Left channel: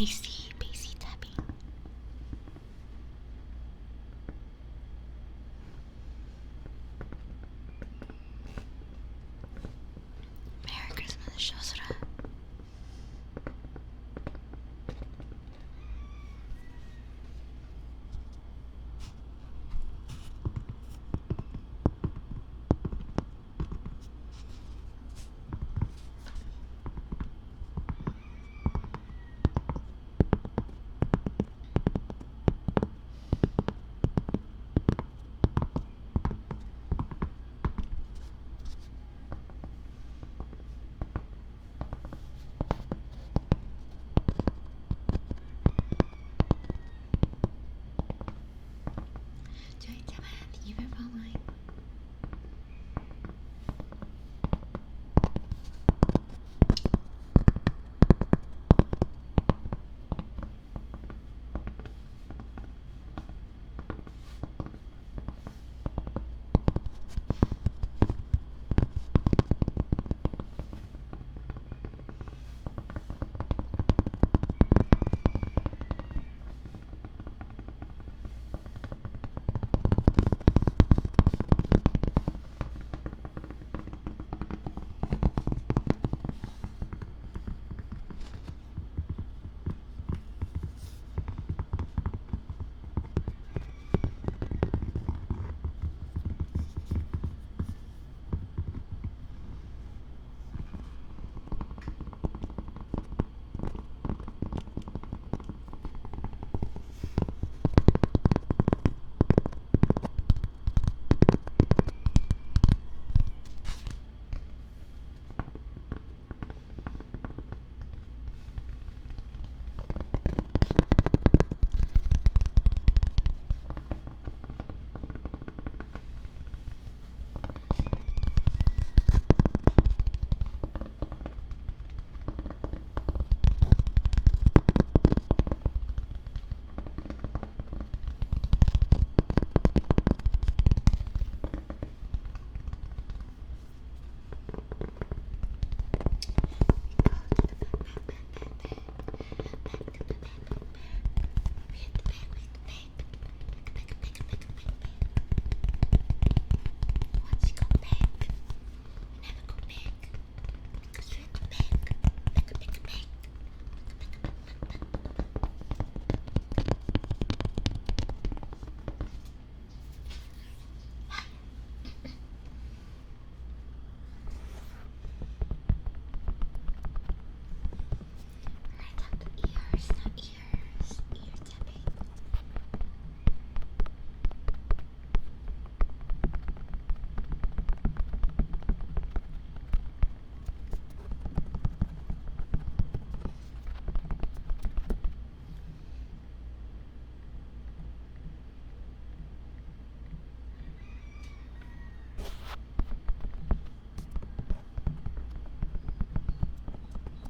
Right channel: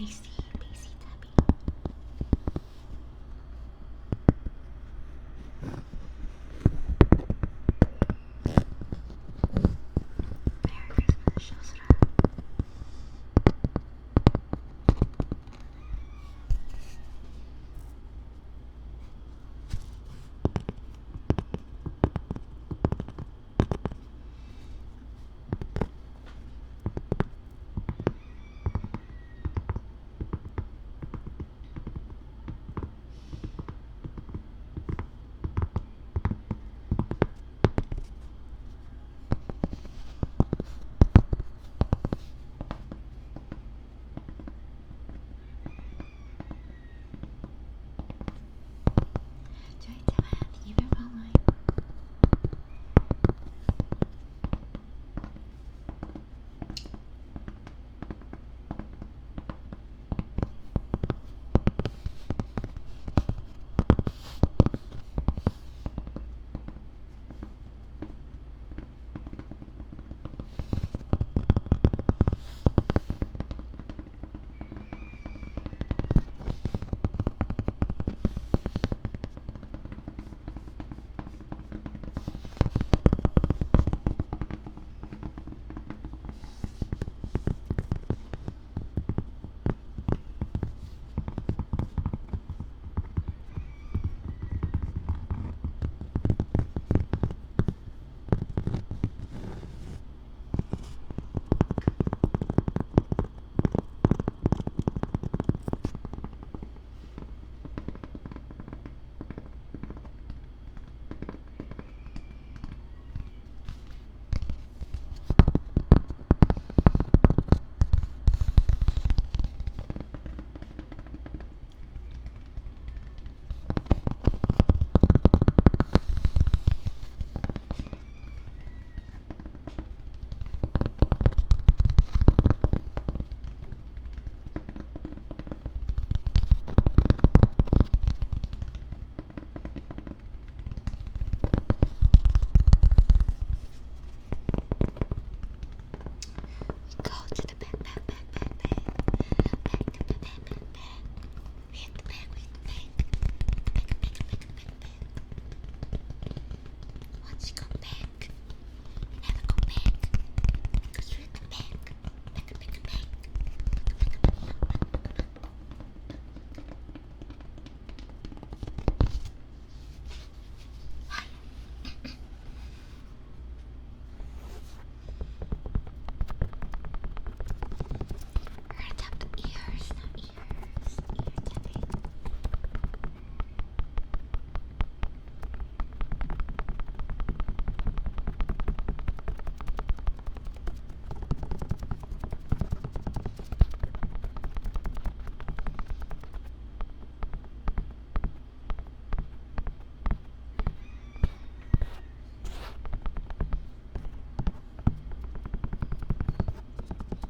bassy tapping. Merry Christmas, Shosura. 저희 잡아야 돼. 이별 방어에.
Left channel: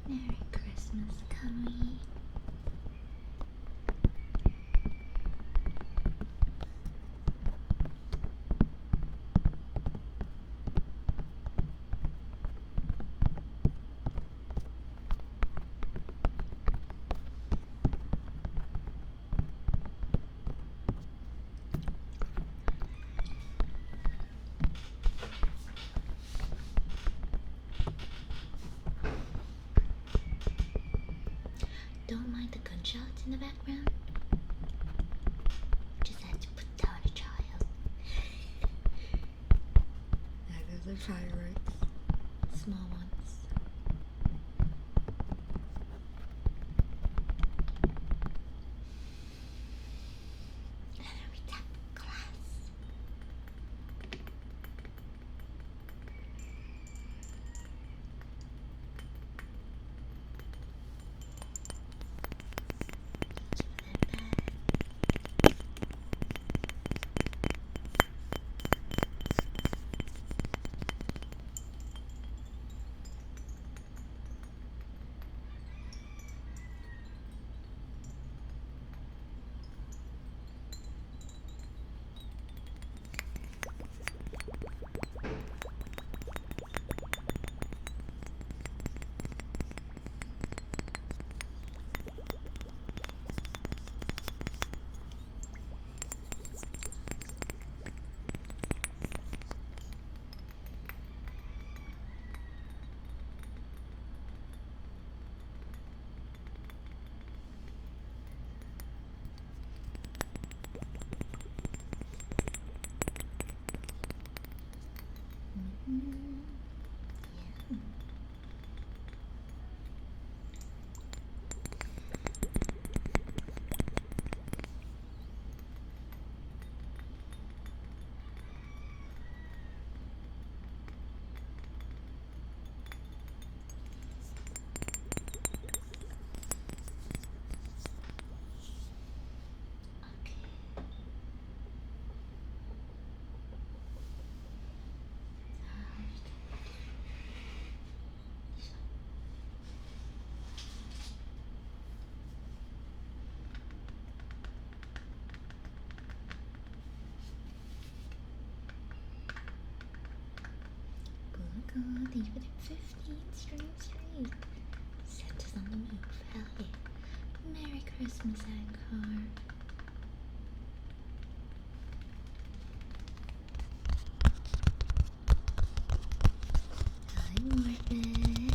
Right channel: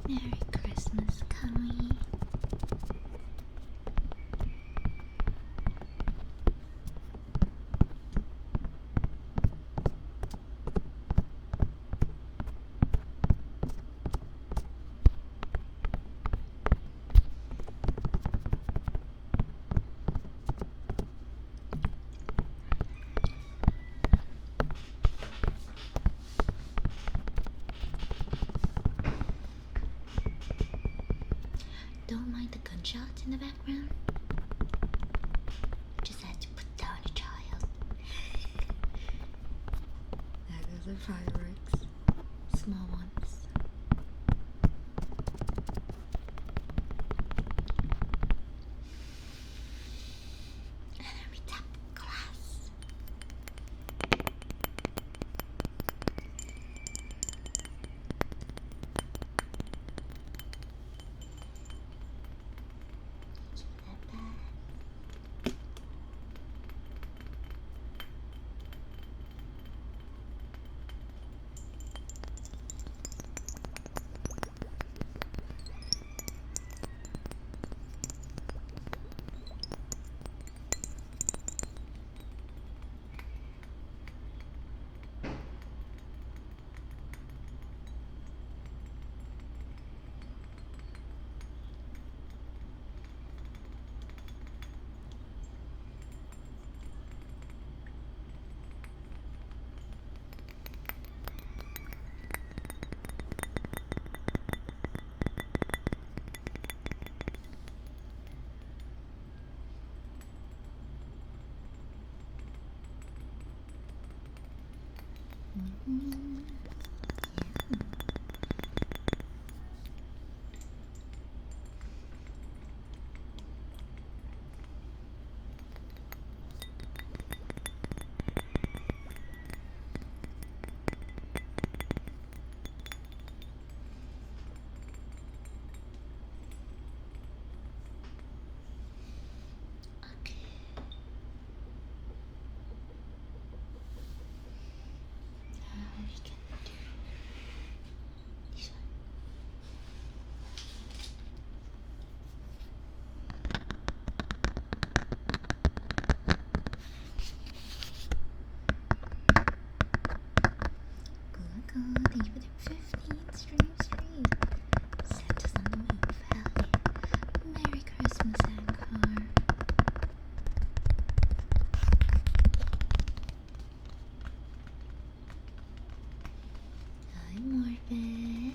Merry Christmas, Kali. Don't mind the gunshots in the background. Just had to put down a child. Those are fireworks. Small ones. And then we tap glass. Thank you for the 15th stream straight. Santa's on the move, hell yeah. Merry Christmas, Anchor. Hi, Morbid.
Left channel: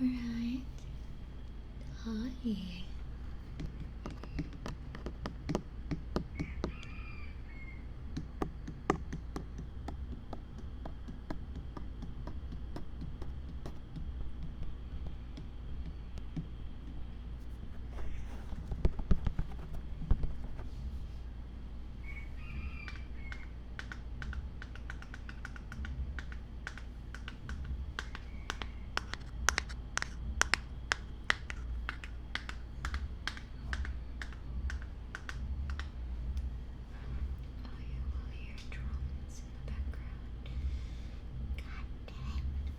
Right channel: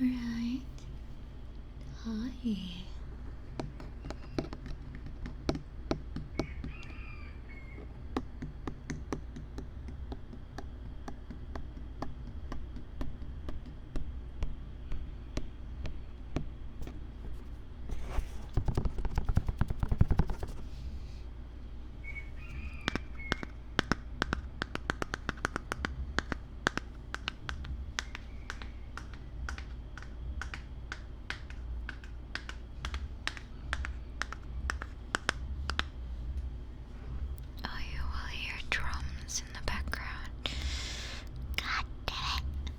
Right. Hi. Oh, you will hear drums in the background. God damn it.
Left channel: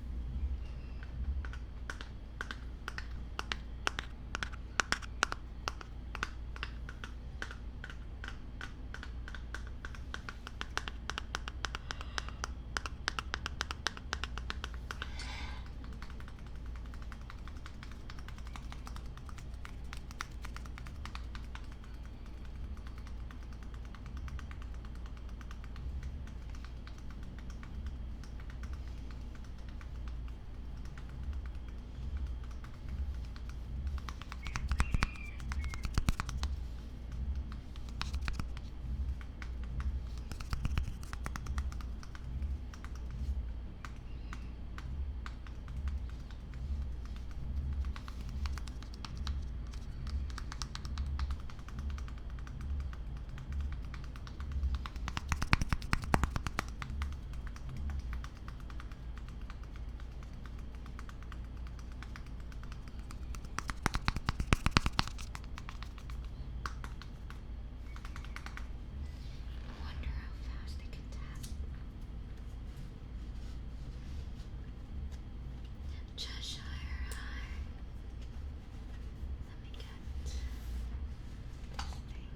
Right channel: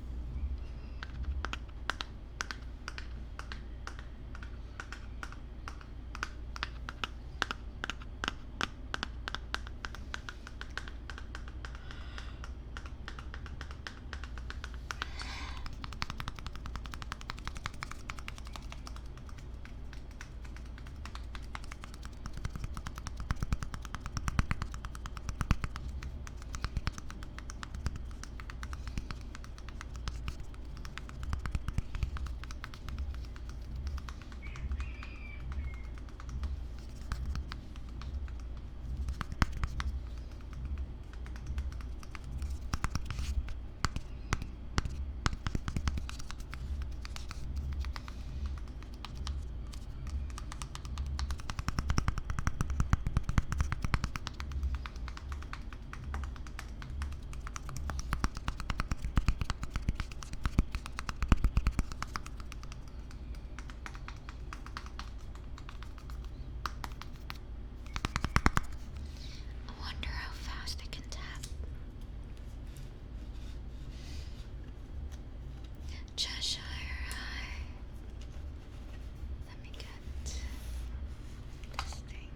I wonder how fast I can tap. Cheshire High. Let me get this thing.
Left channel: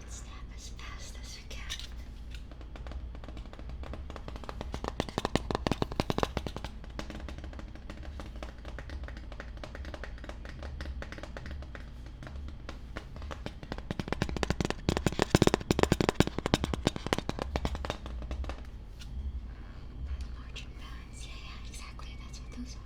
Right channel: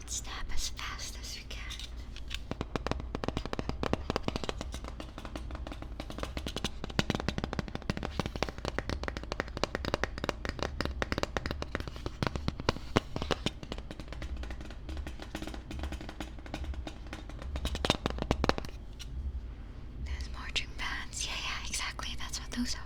Let's tap as fast as we can. Those marching bands. Yeah, exactly. That's what those are.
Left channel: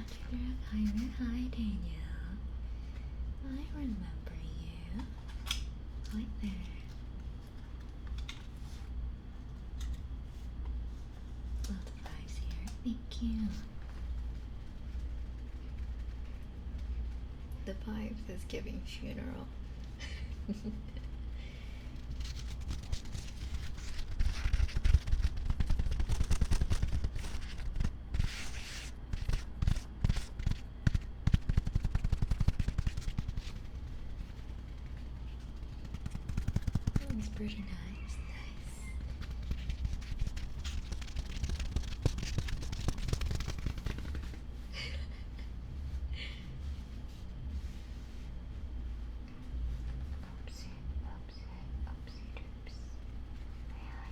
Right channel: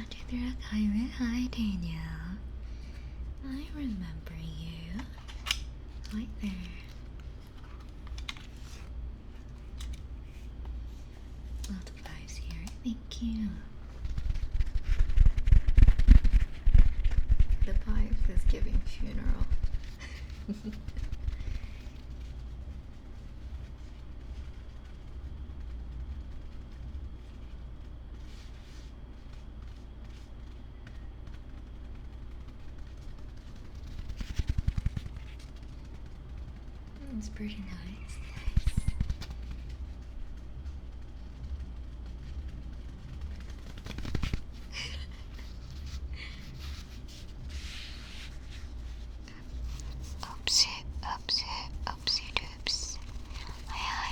Hi, Danielle. I remember you. Hi there. Lots of vibes here. Thank you. The vibes is giving funeral. It's pretty nice. Oopsie doops. Hi.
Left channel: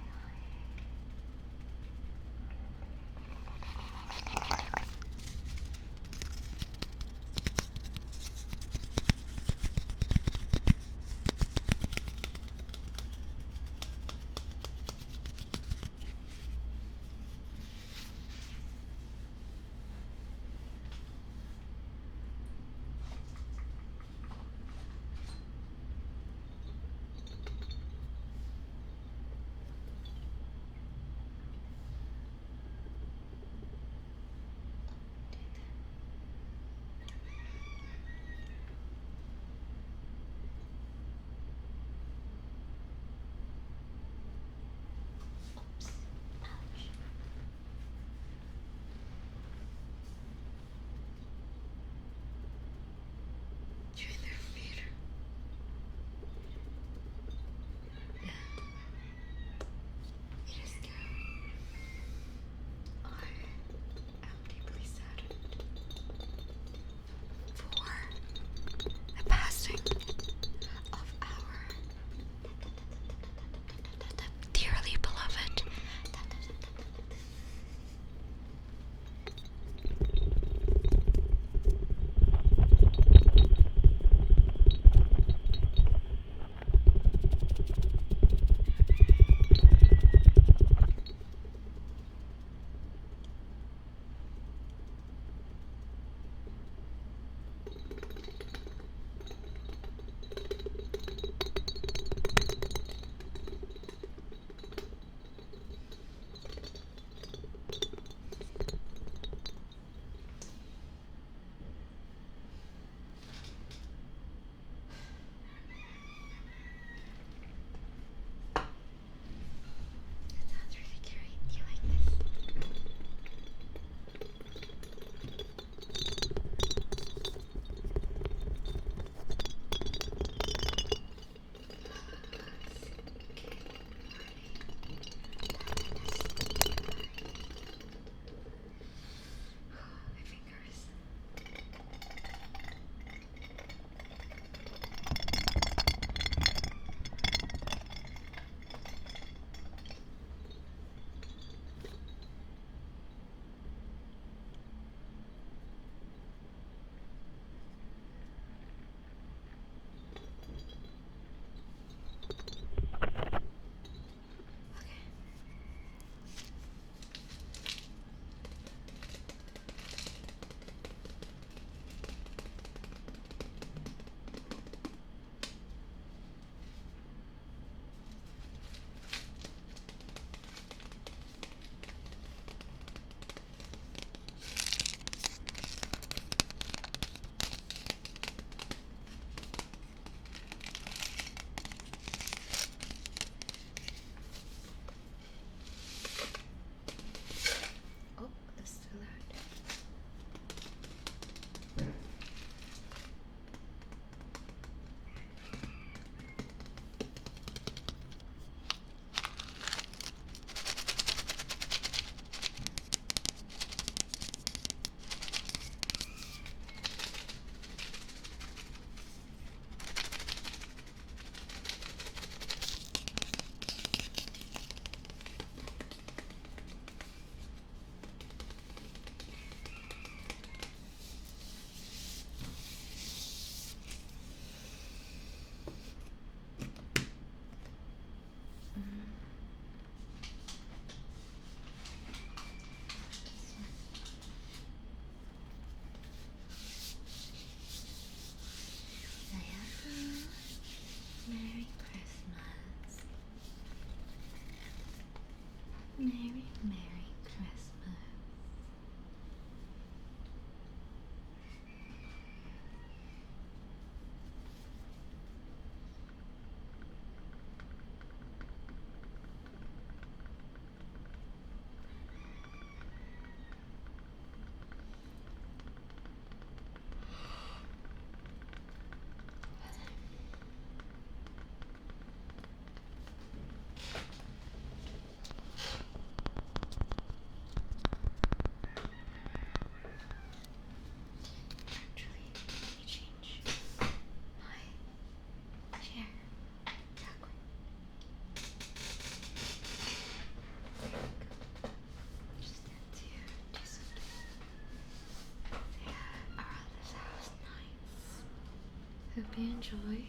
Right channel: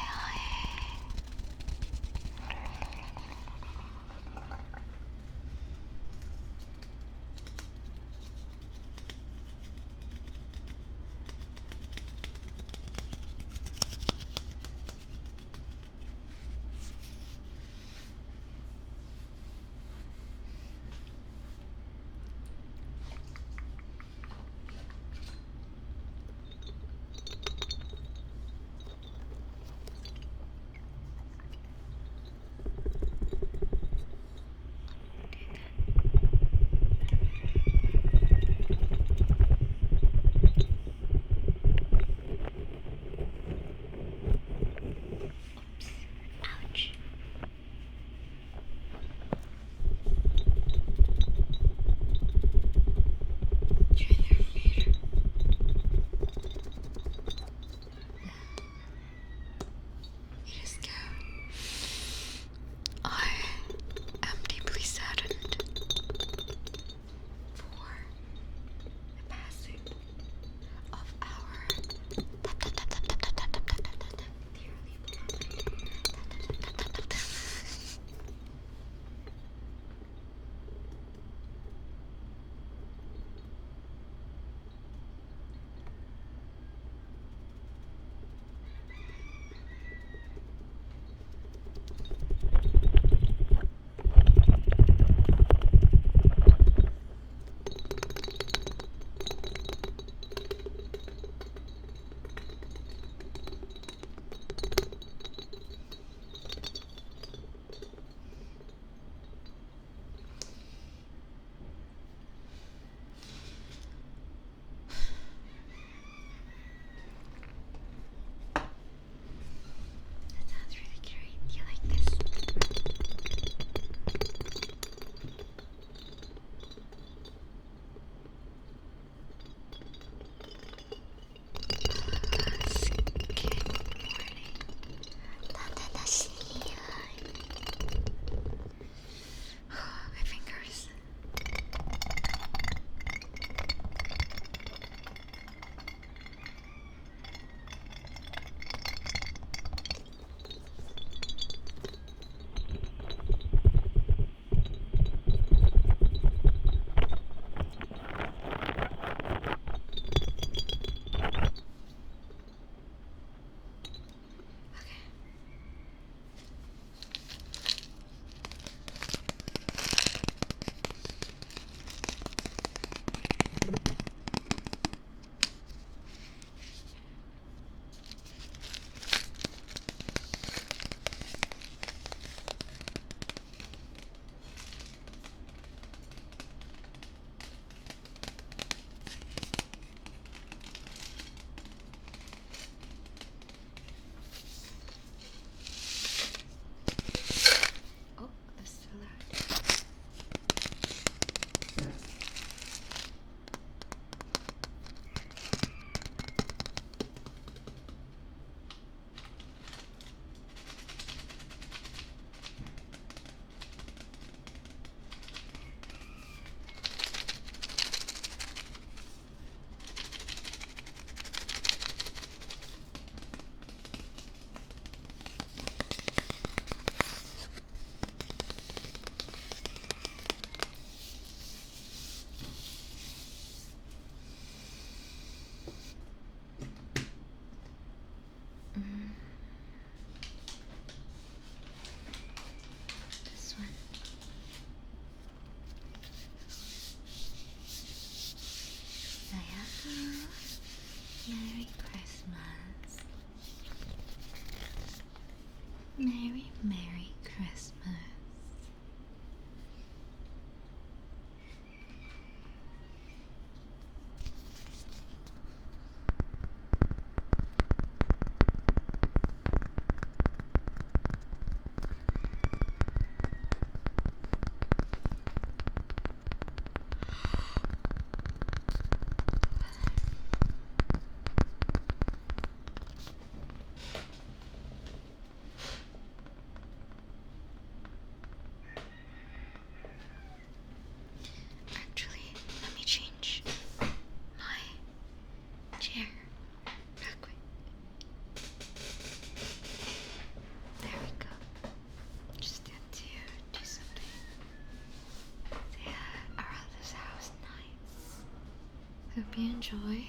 Hope you enjoy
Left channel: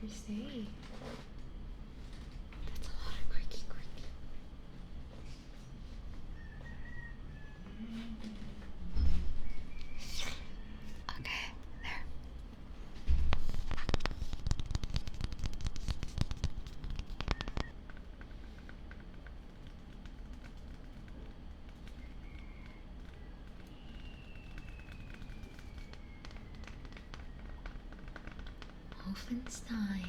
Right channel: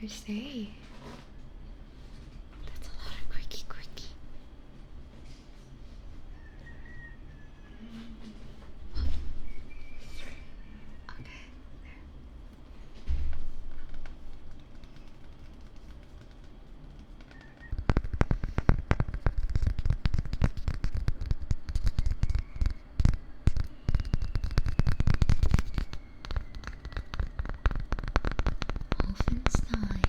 your stay. That's a lot of quickie. Okay, there. Wolfenstein,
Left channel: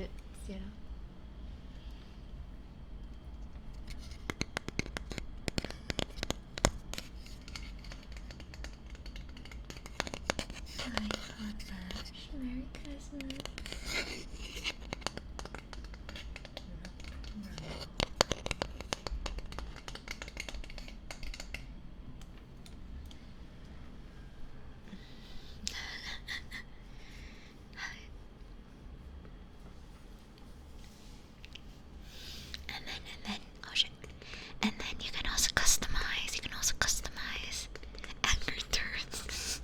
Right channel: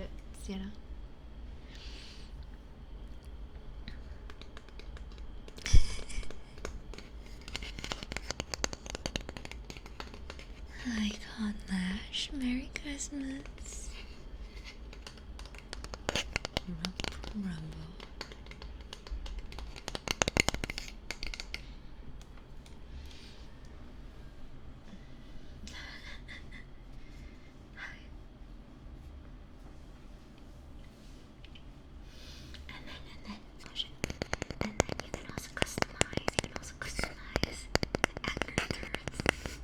gadgets, you know. I got Lash. Merry Christmas. No problem. Oh shit. And then you can also customize. Angry turrets.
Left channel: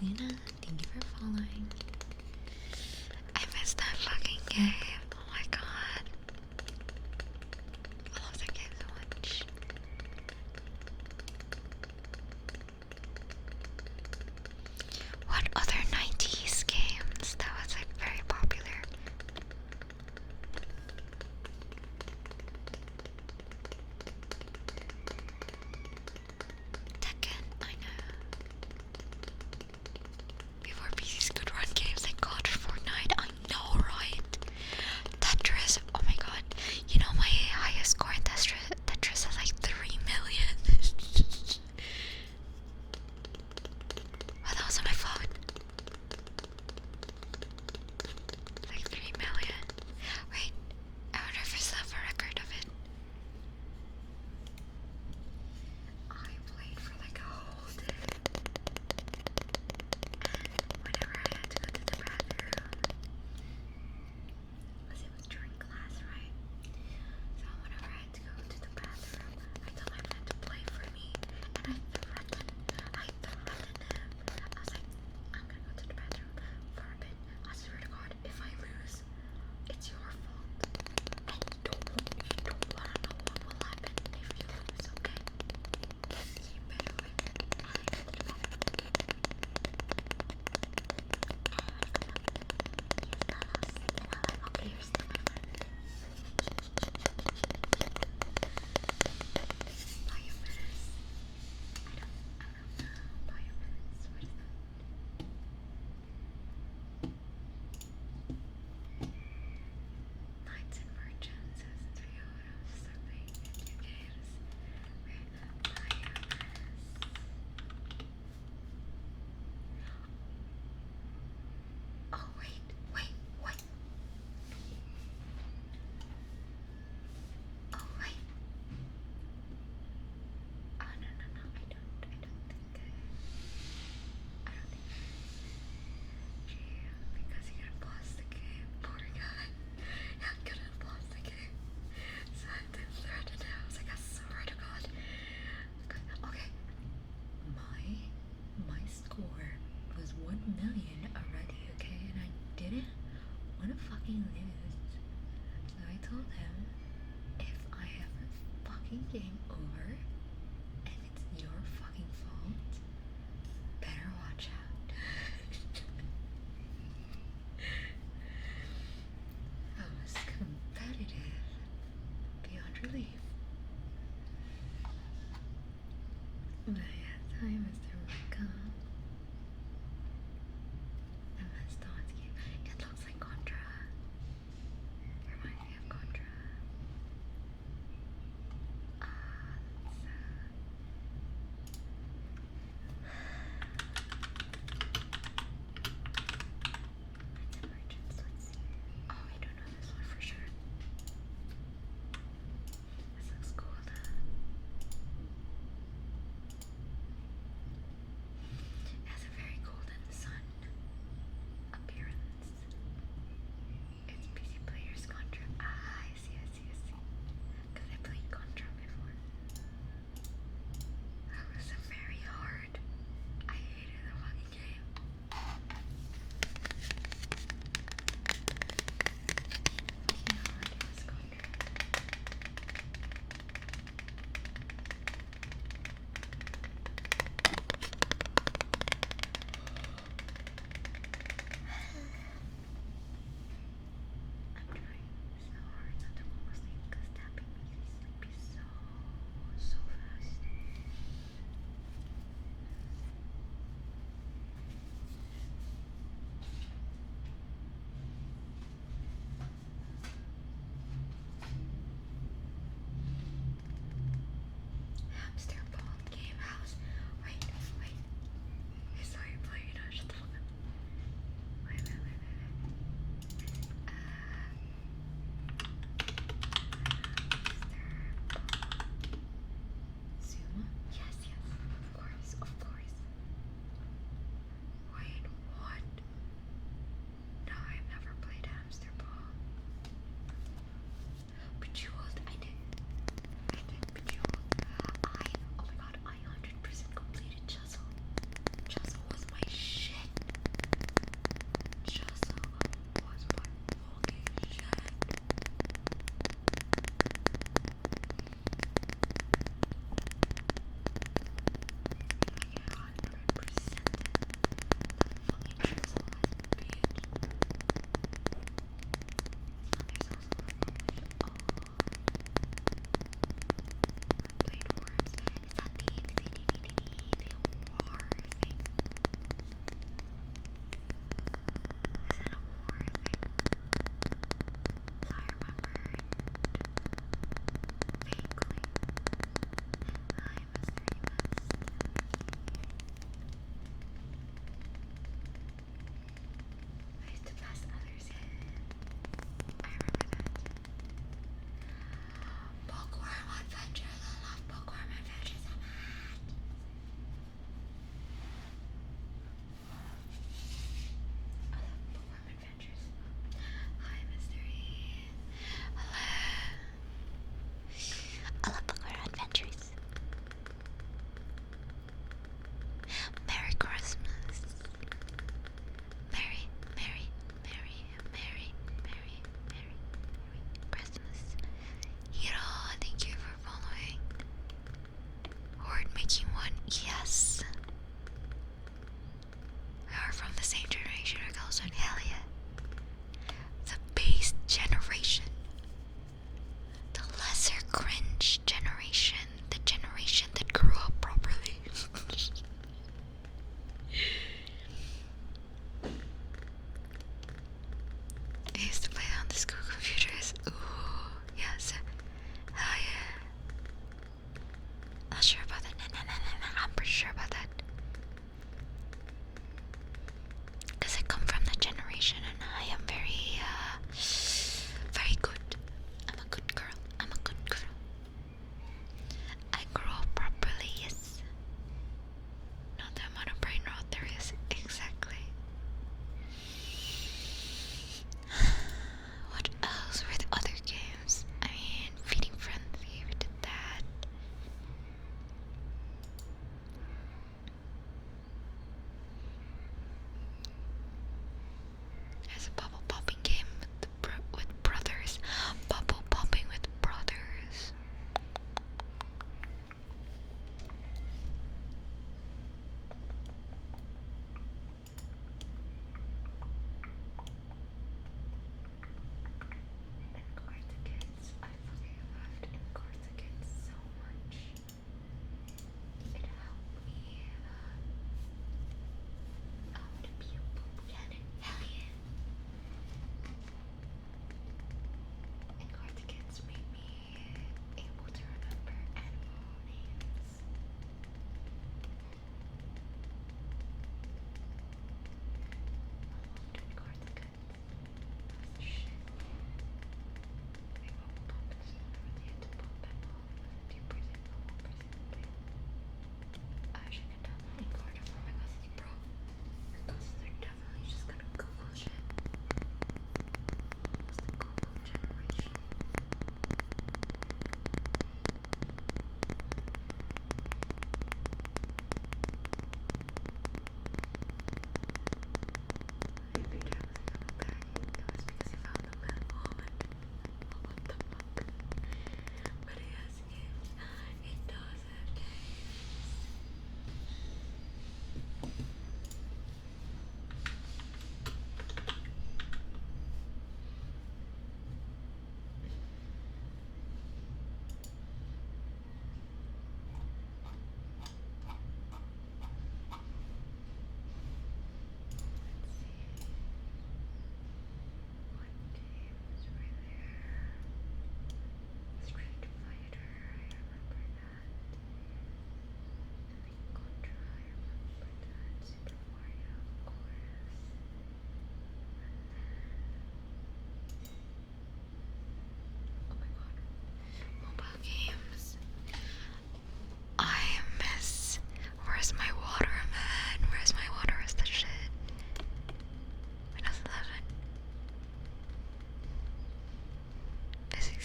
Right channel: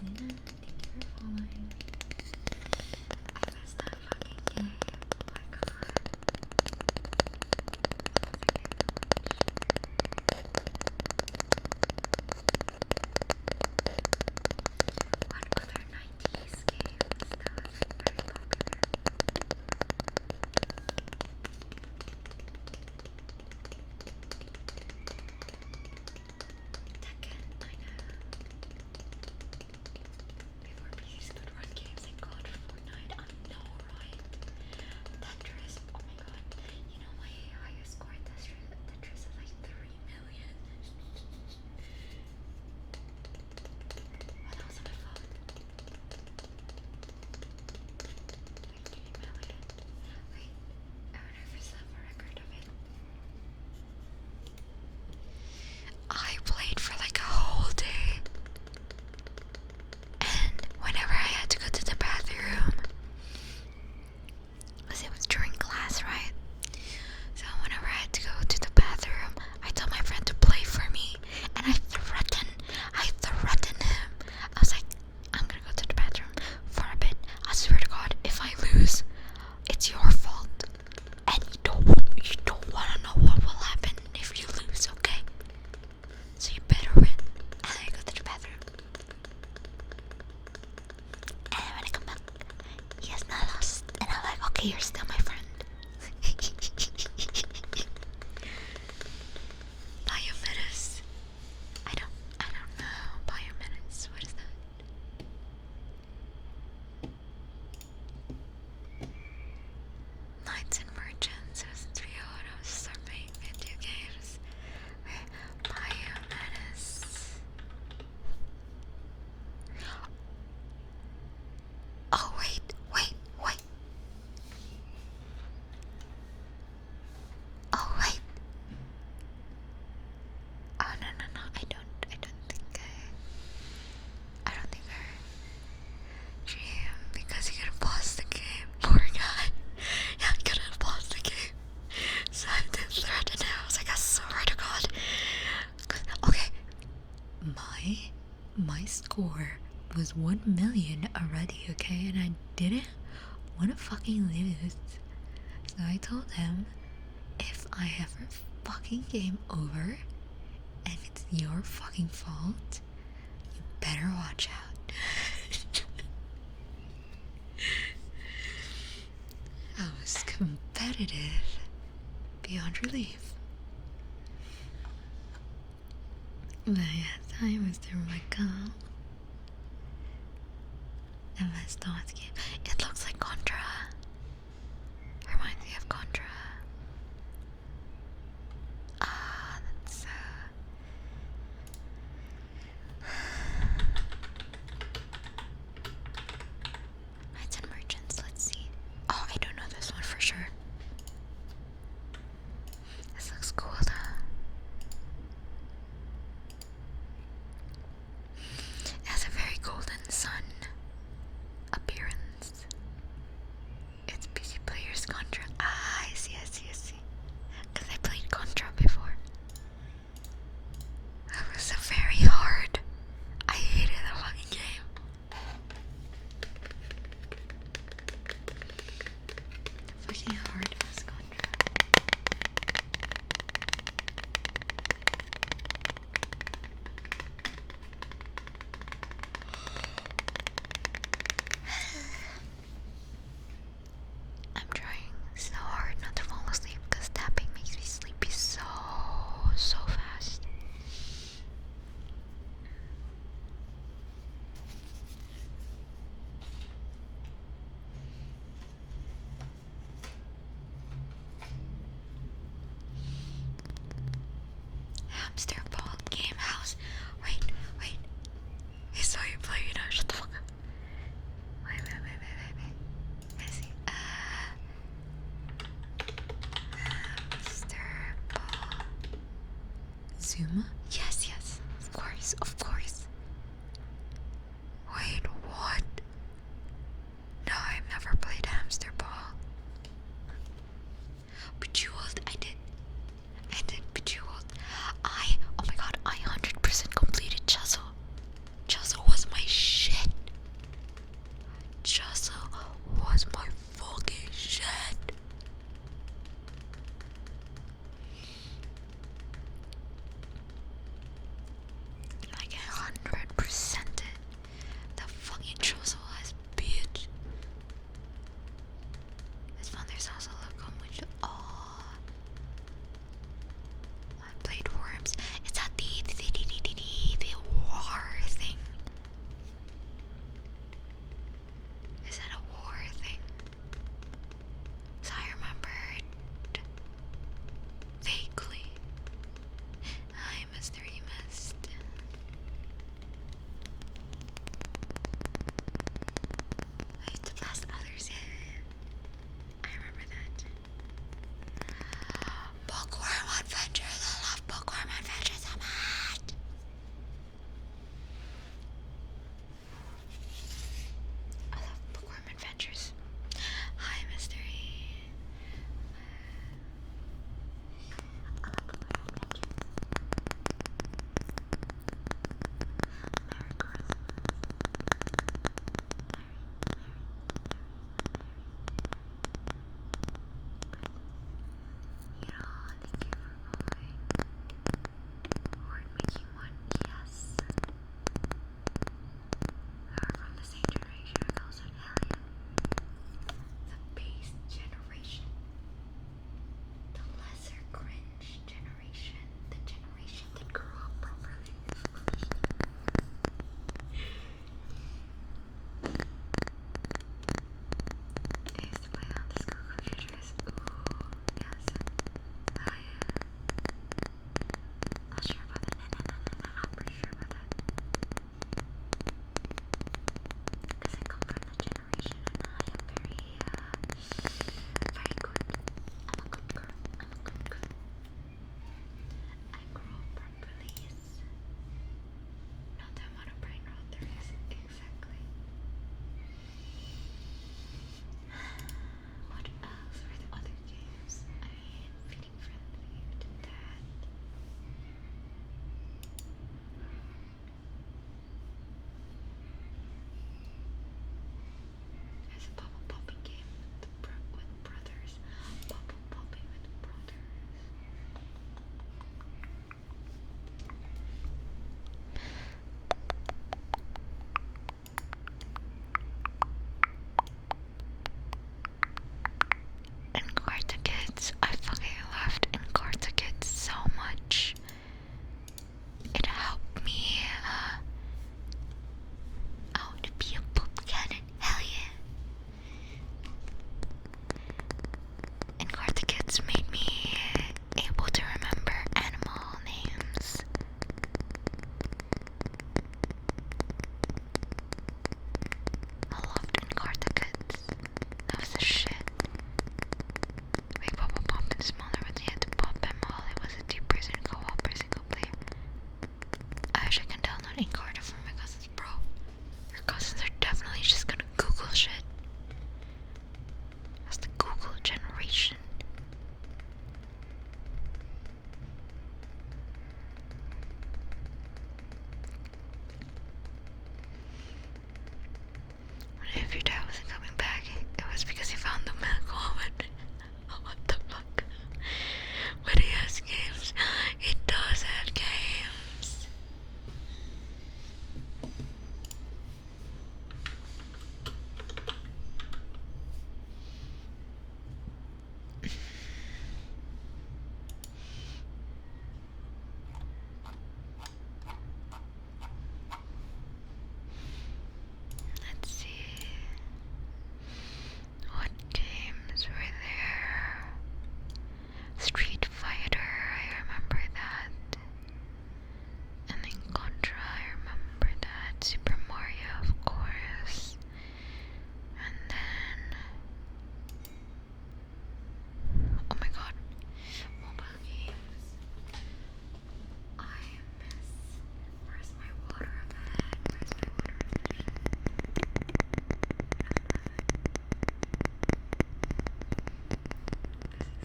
Luna, thank you for following. I missed that fucking game. Oh my god. I love that game so much. What other 90s games that was like very popular? Tekken, I know. Before PCs could run games like COD or Fortnite, I know, right? Tetris, oh my god. You know my highest score in Tetris is like 3 million. Oh, that was on my phone. Like 3 million. Wait, I wonder if I still have a record of it. I played for like a whole day. And whenever I had to go to the bathroom, because it was during class, right? So whenever I had to go to the bathroom, I told my friend to play for me, and I threatened him. I was like, I'm gonna go to the bathroom for a bit. I swear to God, if I lose, it's your fault. And you don't wanna know what will happen if you lose, okay? So you better win. And I go to the bathroom. And when I come back, yes, I lost. And I'm like, okay, you're still my friend. Biometis. I don't know. Biometis. What is that? Knights and Merchants. It was 3 hours. Start playing video games. Biometis. Oh wait. Oh wait. Oh no. I don't think I don't think I GM because he couldn't pause the game. Poor guy. Yeah, I couldn't pause the game. So I did threaten him. I was like, I swear to God. Okay. My score was 1 million already, okay? And I didn't want to fucking lose. So I told him, if I ever fucking game over, and it's your fucking fault, you better watch out. I was competitive beyond relief. But yes, hi Mr. Michael. MS DOS game. It looks like Contra. Reminds me of Contra. Ah, that's Knights and Merchants, let's see. Oh, I don't know this one for sure. This looks cool though. It has a very golden sun appearance. It's PC Players Contra. Ah, I see. Because I played Contra before. It was so very hard. I hated the fucking game. Fucking hard was Contra. I'm trying so hard not to fall asleep because tapping makes me sleepy so fast. Hamster ball game house. Wait. I saw you play it. Shut the fuck up. Wait. Let's see. Hamster ball. Zuma? Yes. Of course. Wait, what? No, I've never played hamster ball. Bejeweled, I did Bejeweled. Oh my god, I 100% completed Chuzzle. Chuzzle was my shit.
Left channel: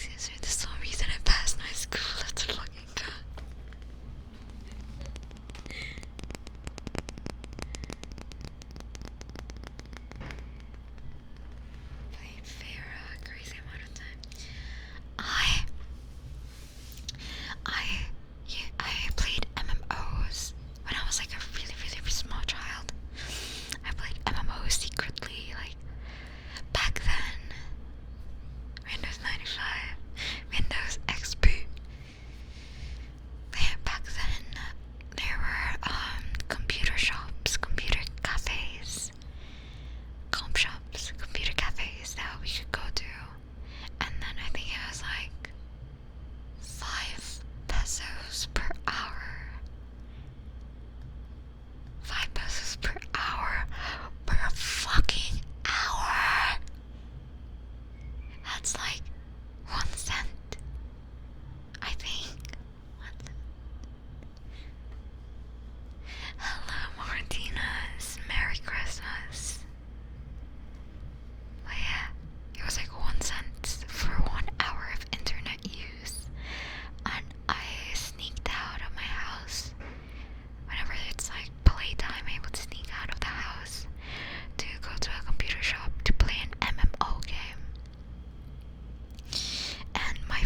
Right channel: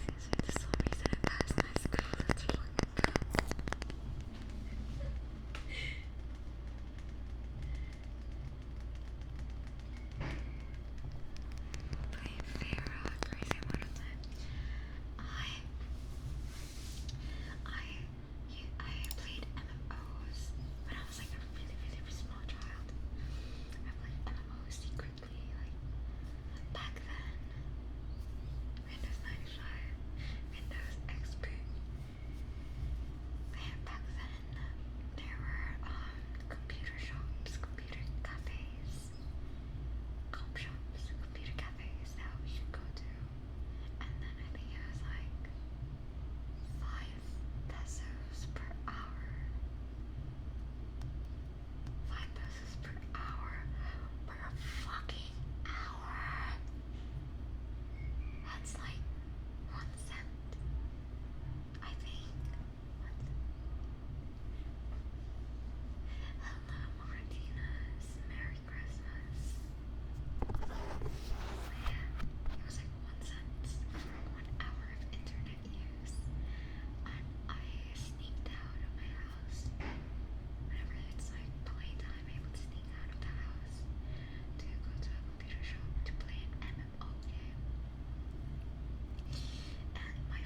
Excuse me, there's no reason I passed my school. Let's fucking go. Playing fair a crazy amount of time. I played MMOs when I was like a really, really small child. I played MMOs secretly, like back then. Windows 95, Windows XP. Back then, there were computer shops, computer cafes, comp shops, computer cafes that we could go to, and then I think it was like 5 pesos per hour. 5 pesos per hour. Per fucking hour. That's like 1 cent. I think. What? Hello, Martinez. Merry Christmas. But yeah, it was like 1 cent for 1 hour of internet use. And I sneaked out of my house whenever it's like playtime. I would sneak out of the house to go to a computer shop to play an MMO game. And my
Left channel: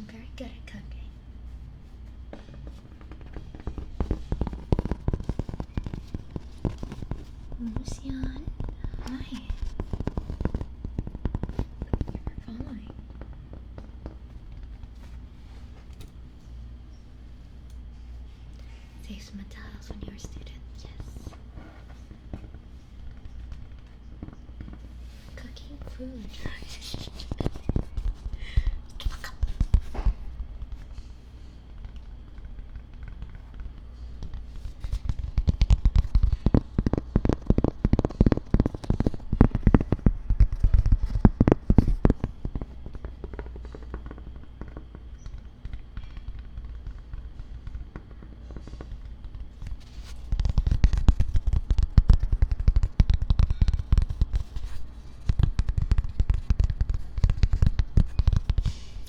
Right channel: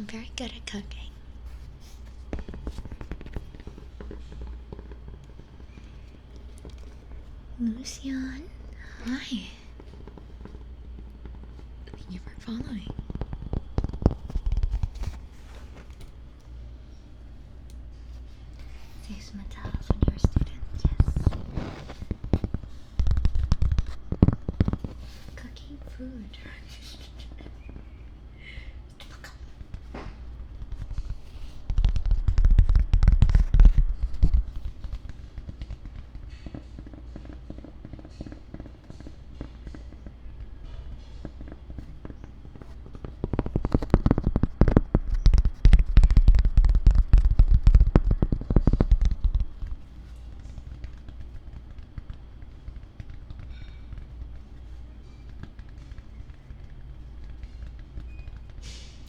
I'm very good at cooking. Lucian, hi. Thank you for following. Save some materials when you're a student, yes. Cooking food.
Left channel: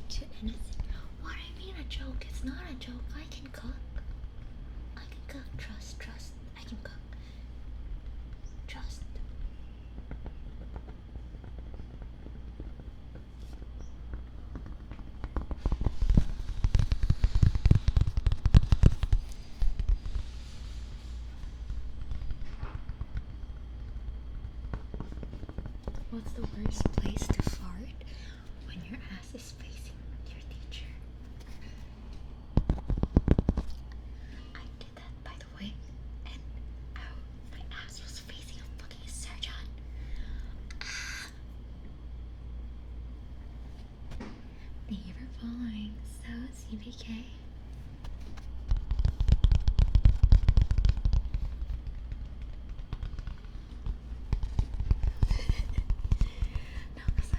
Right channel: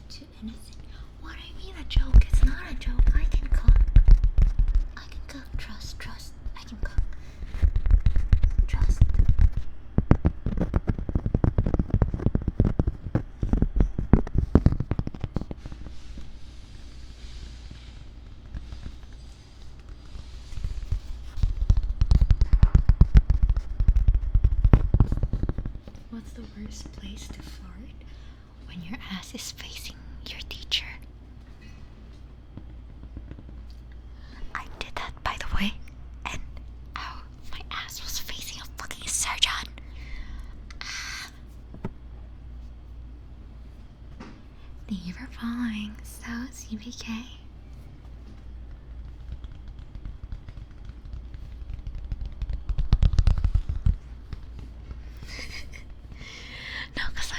Too innocent. What do you mean a joke? It's not a joke. I can cook. I can cook. Trust. I can cook. Trust. What's the worst place to fart? When your ass is facing your teacher. I did that, by the way, and my ass was facing a fucking surgeon. Thank you for following. So, CBK. No, cause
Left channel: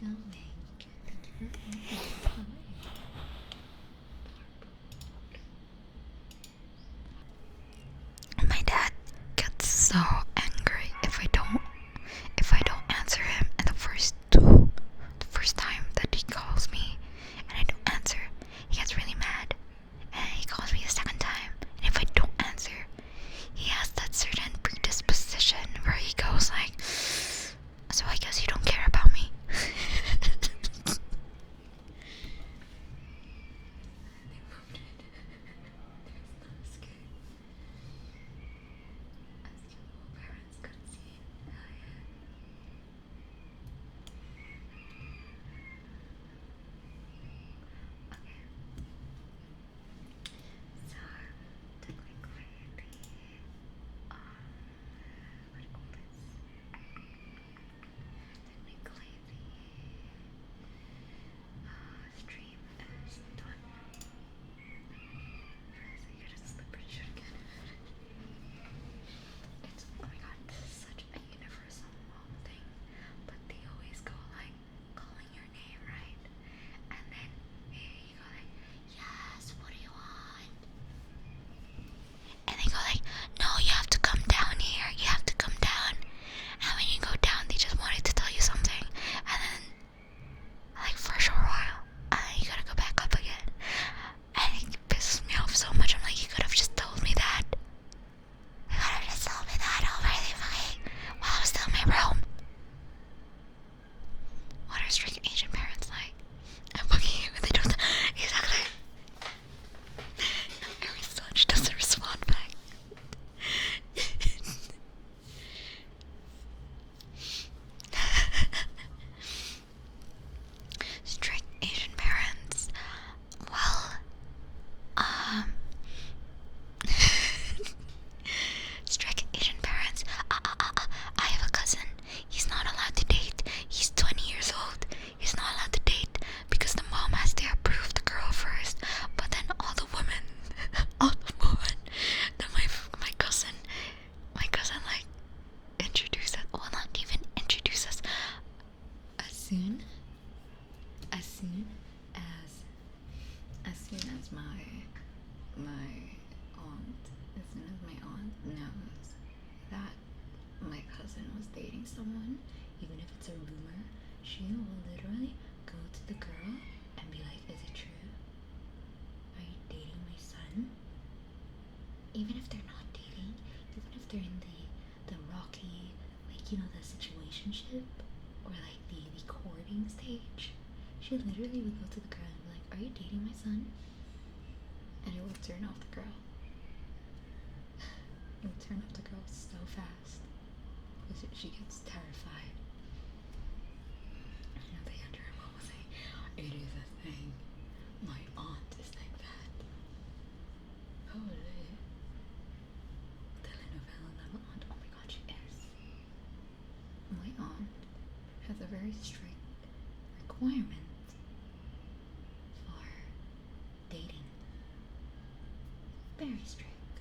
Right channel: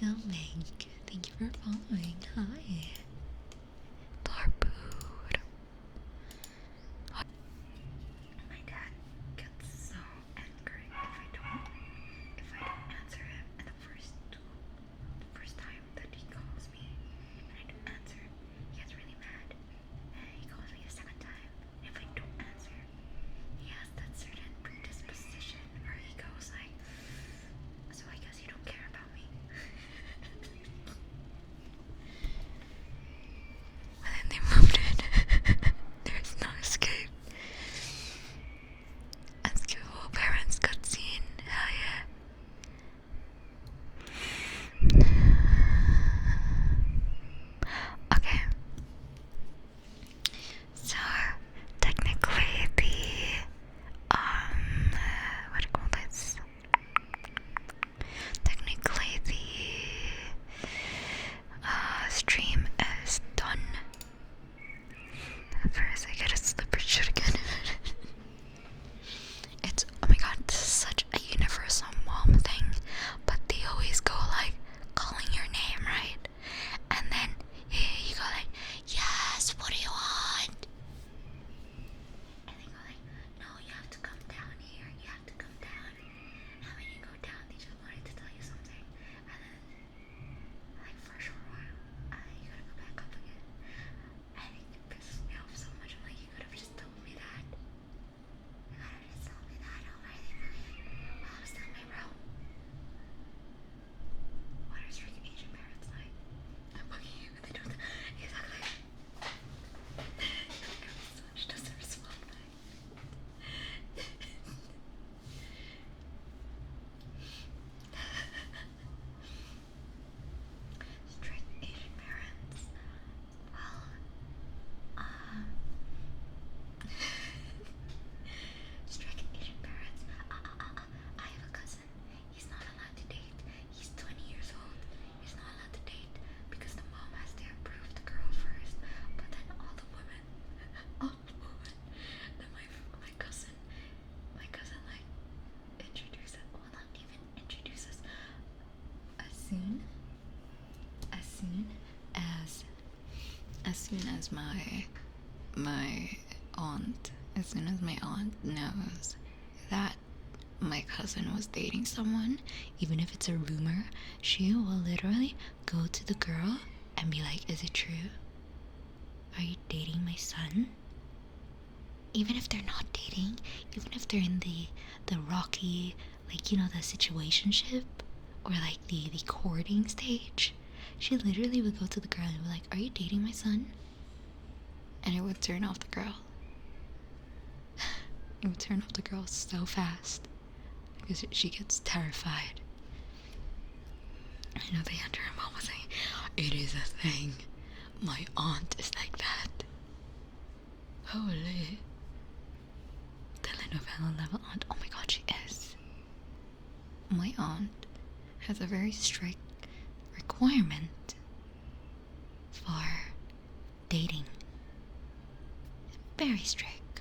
coming. Thank you for following. Hi. Larbood. My dad gets so angry if I don't answer him, and the first time that he calls me and I don't answer, he gets really mad. And he calls me the second time, and if I don't answer, he has that certain predisposition where he goes like, so I guess you don't care about me. And then they moved it. There's no escape. Unschool parents cutscene. Hell yeah. Okay. So technically what do you call this? Technically the stream is done. First I gotta slip or shit again. It's, oh my god, this is such a universal mom thing, but they always go like calling your name, right? And then you go like, yes, what do you want? And they go like, no, you have to come down here, you have to come down. And when you go down, they just wanted to tell you something, and then like for a short while, you gotta go back up again. And it pisses me off so much. I'm like, you could have just told me that. You could have just told me that already, while I was still in my room. What are strict Asian parents like? I'm fucking you, they don't. Exactly. Every son doesn't respond back. Strict Asian parents. Well, strict Asian parents. I have a cousin. He's not allowed to date. He's 20 years old. He's not allowed to date because the mom has to approve the girl first. But then all the women, then my cousin like introduced us. Well, not even introduce us. As soon as my aunt knows that my cousin was dating someone, even if it's a rumor, she will literally go to the girl and be like, is it true? Are you dating my son? Even if they're not dating, even if they're in the rocky, like, you know, the situationship or like the courting stage, she literally would go to the girl and be like, are you dating my son? And it would turn off the girl. It would turn off the girl so fast because she gets terrified. I know the answer her mom was saying, it is a thing. My aunt is like that. Holy. Telenovela level aunt. Oh my god, she is. My aunt has a very strict requirement for dating. Very strict.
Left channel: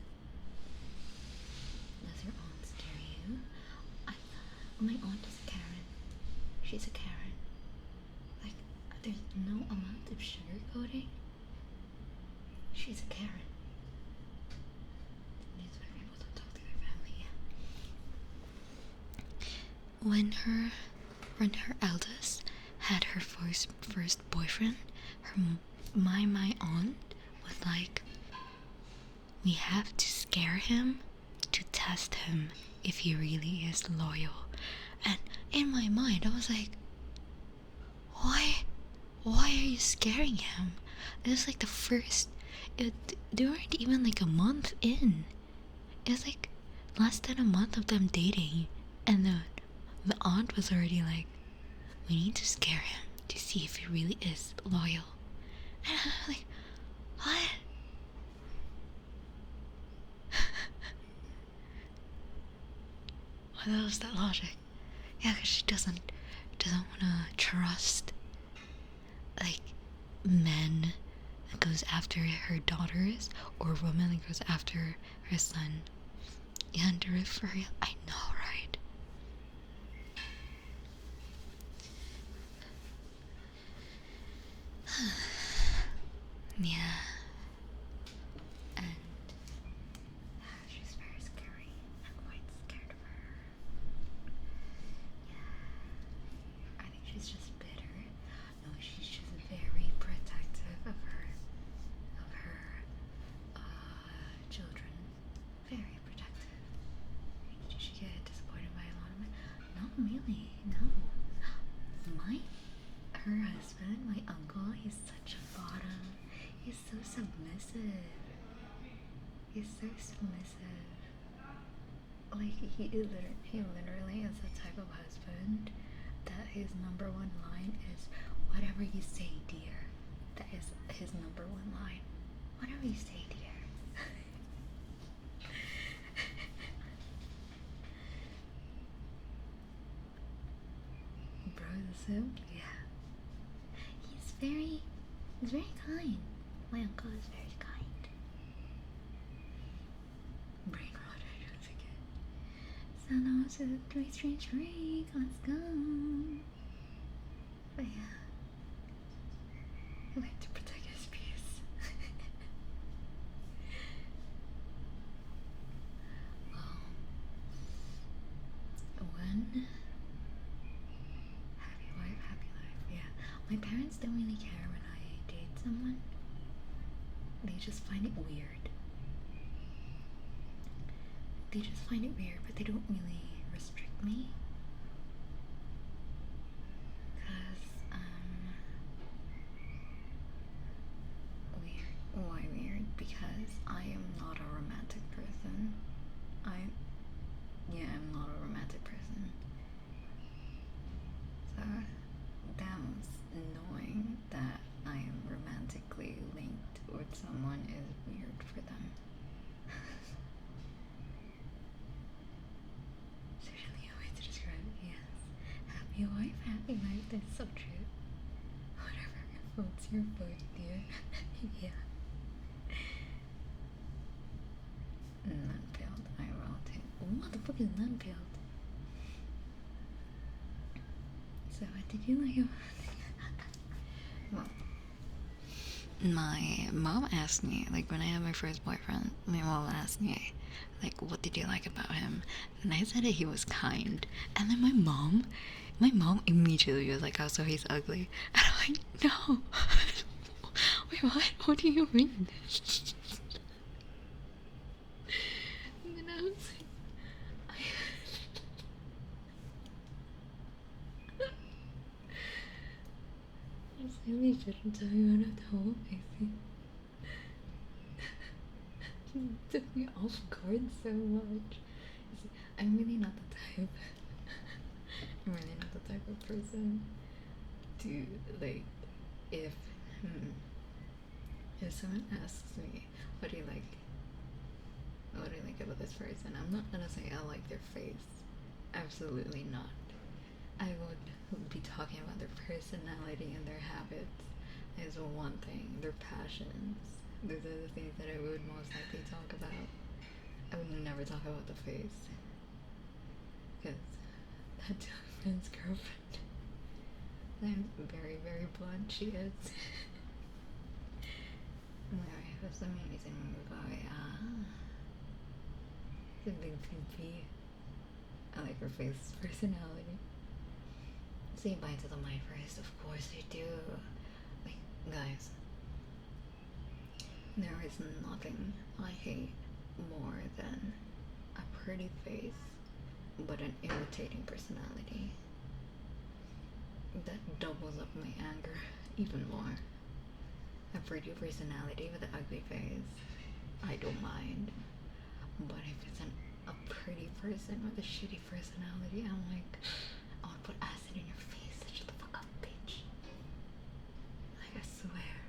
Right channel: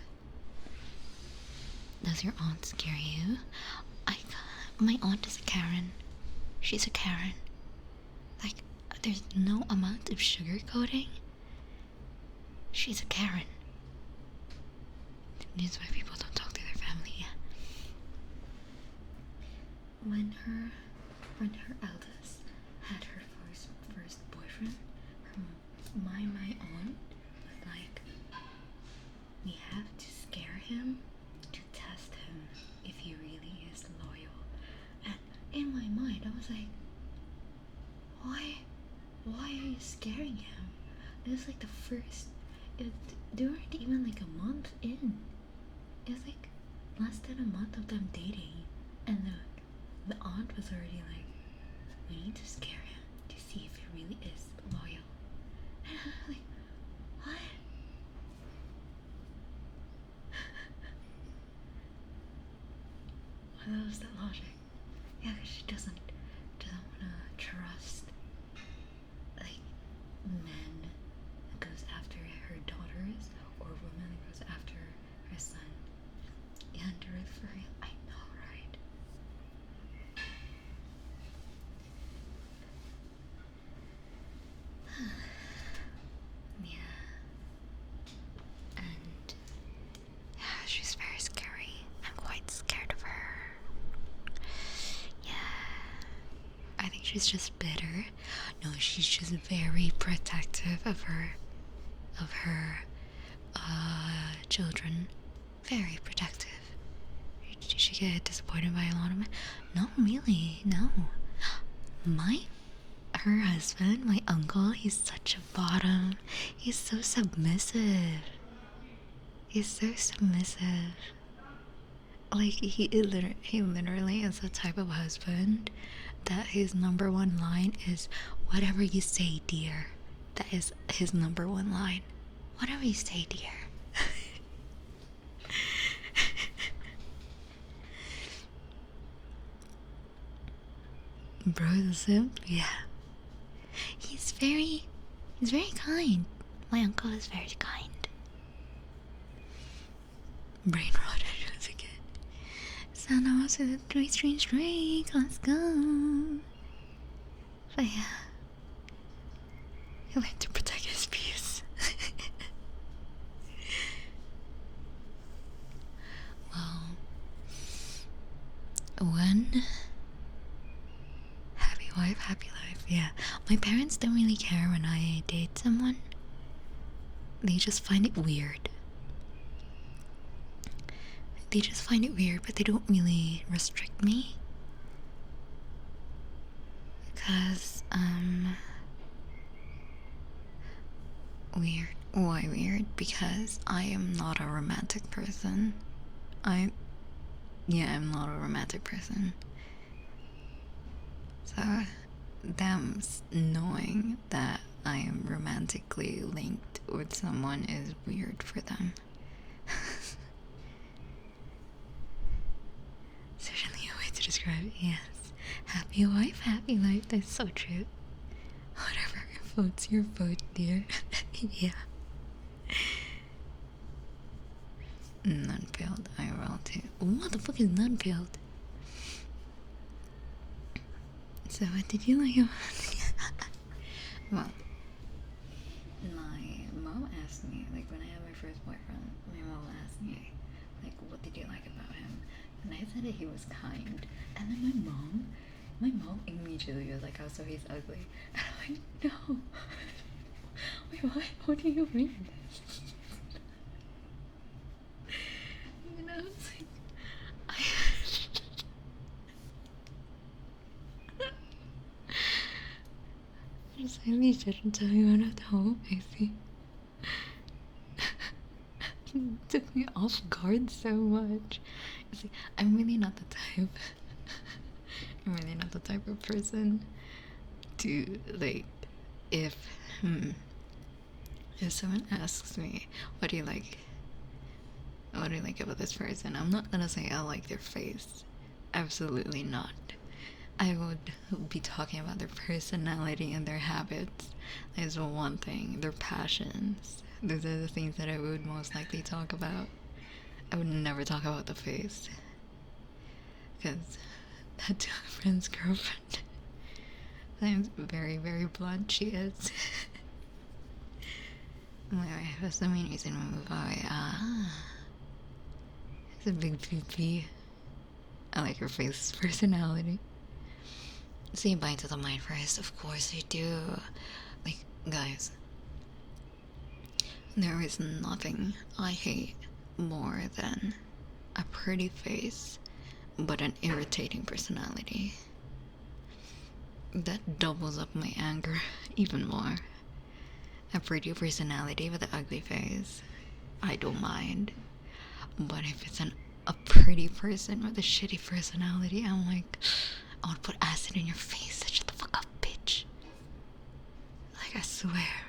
Does your aunt scare you? My aunt is a Karen. She's a Karen. Like, there's no amount of sugarcoating. She's a Karen. This is why people don't talk to their family. When her eldest had her first boyfriend, my aunt was like, we have to scare him to test him if he really is loyal. And in my mind, I was like, why are you scaring him? It was like they weren't even like a month in. It was like less than a month of them dating, and the aunt was already like, we need to scare him to see if he really is loyal. And I'm like, what? What was that logic? Yeah, because she doesn't want to trust like men that goes after her daughters or women that goes after her son. Yeah, and for real, I know, right? she's just bitter. No, she's just very protective of her children. Very protective. Did she get disappointed by a lot of men? No, really, no. Her husband, my uncle, he's such a bottom. He's so submissive. He's so submissive. Like, he literally is the type of husband that his number one line is, whatever you say, dear. That is his number one line. Whatever you say, dear. Bro, the simp? Yeah. He's very kind. My uncle is very kind. Brain rot once again. So now also the 3 strange drink. Let's go. But yeah. He liked to protect his peace. Well, when happy wife, happy life. Yeah, my parents don't really care when I date someone. They just find it weird. But they don't really restrict me. Because, weird. Why weird? Because I am not a romantic person. I'm not a romantic person. So, them knowing that I am romantically linked with someone is weird for them. Certainly a way to describe it, yes. Happy wife, happy life, that's so true. Whatever floats your boat, dear. Yeah. None-peeled, I will too. What the fuck is none-peeled? So what did you like about Well, my mom asked me, like when I had my first boyfriend, my mom asked me, like, what did you like about him? And I said that he was kind. And then my mom immediately was like, oh, so he's ugly. And I'm like, no. Wait, what do you mean? And I was like, just maybe shouldn't tell you out at home, maybe. It took me off guard so much. See, I'm really not the type. I'm really not the type of person to like, if someone asks me, what do you like about this person? I'm not gonna say I like their face. Absolutely not. I would be talking about their personality and their habits. Is one thing. Their passions. Those are the things that I would most likely talk about. I would never talk about the face. Because that's my friend's girlfriend. I'm very, very blunt, she is. Anyway, that's the main reason we move away. It's a big PP. I like her face personality. Say bye to the mind first, of course I do. Like, guys, there is nothing I hate more than a pretty face but an irritating personality. That doubles up my anger even more. A pretty personality with an ugly face, I don't mind. But if it's a pretty person with a shitty personality, I'm like, I would put acid in your face. Shut the fuck up, bitch. Like, I swear.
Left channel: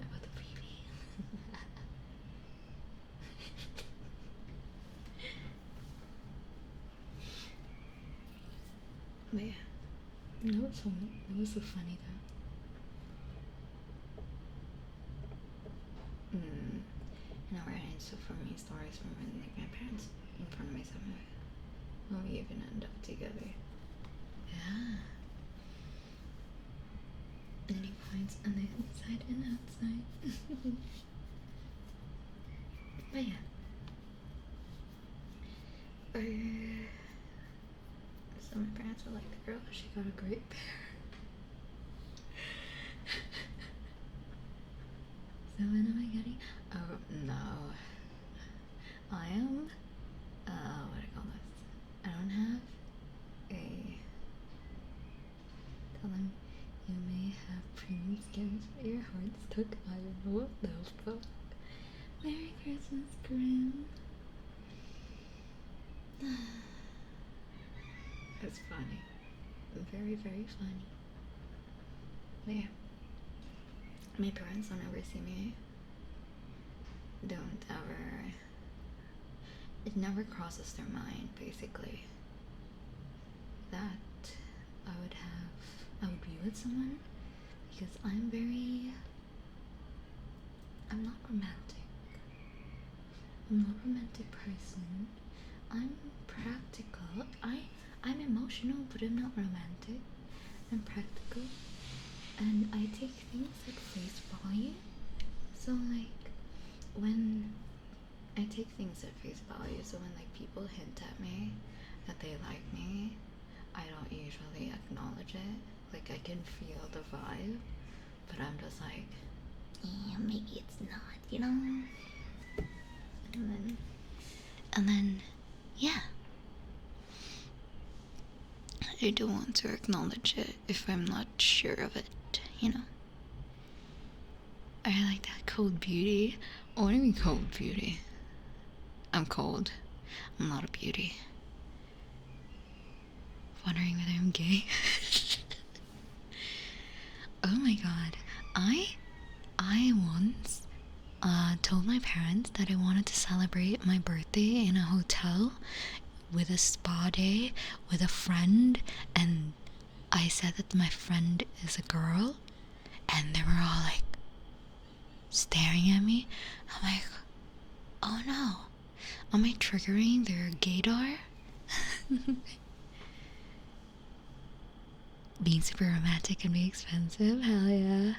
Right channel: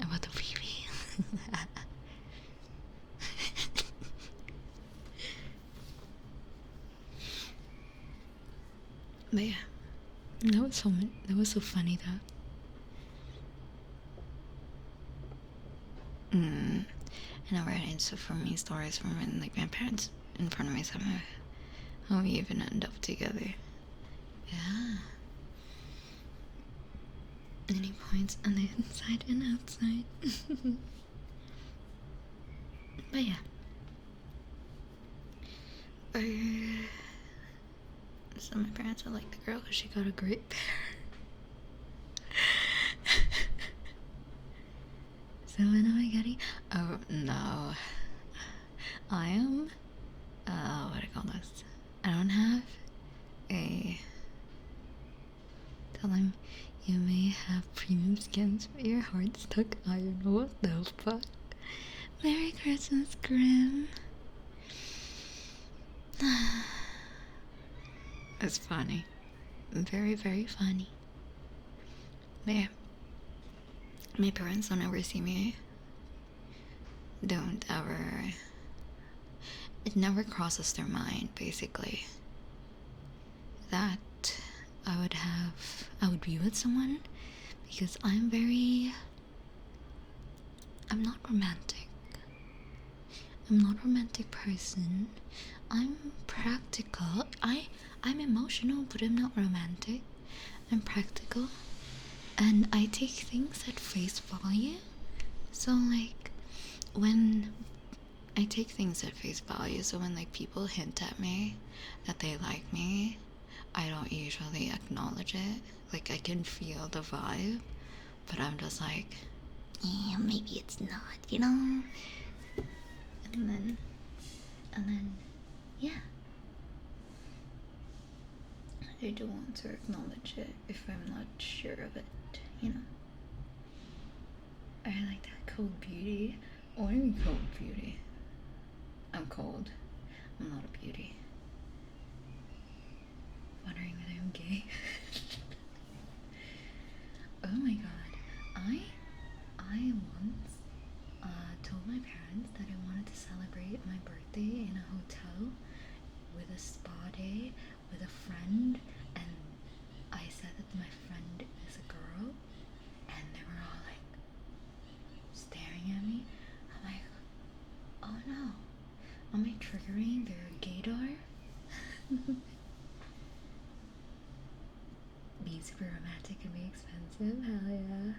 About the baby. But yeah, that was so funny though. And I read into for me stories from when, like, my parents in front of me somehow. How we even end up together. Yeah. Any points on the inside and outside. But yeah. So my parents were like, the girl, she got a great pair. So when am I getting? Oh no, I am. What do I call this? I don't have a. Tell him you may have premium skins, but your heart's stuck iron. What the fuck? Merry Christmas, Grim. It's funny. Very, very funny. But yeah. My parents don't ever see me. Don't ever. It never crosses their mind, basically, that I would be with someone, because I'm not romantic. I'm not a romantic person. I'm practical. I'm emotional, but I'm not romantic. I'm practical, and I take things at face value. So like, when I take things at face value, so when like people hint at me that they like me, I don't usually acknowledge it. Like, I can feel the vibe, but I'm just like, yeah, maybe it's not, you know? And then, yeah. I don't want to acknowledge it if I'm not sure of it, you know? I like that cold beauty. What do you mean cold beauty? I'm cold. I'm not a beauty. Wondering whether I'm gay? Oh my god. I once told my parents that I wanted to celebrate my birthday in a hotel with a spa day with a friend, and I said that my friend is a girl, and they were all like staring at me. I'm like, oh no, am I triggering their gaydar? Being super romantic can be expensive. Hell yeah.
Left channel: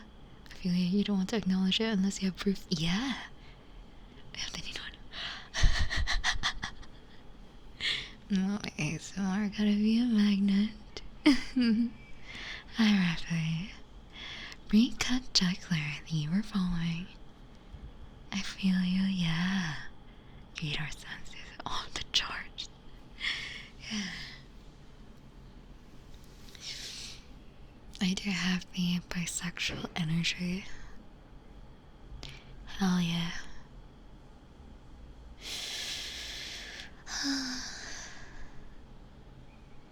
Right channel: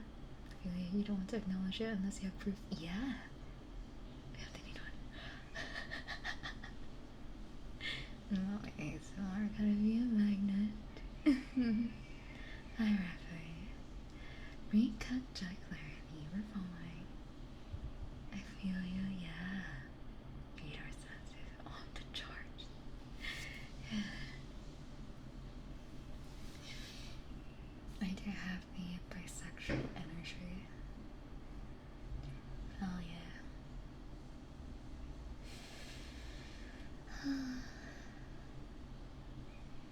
I feel like you don't want to acknowledge it unless you have proof. Yeah. They need one. No, ASMR gotta be a magnet. Hi, Rafi. Recut Juggler, you were following. I feel you, yeah. Gator sense is off the charts. Yeah. I do have the bisexual energy. Hell yeah.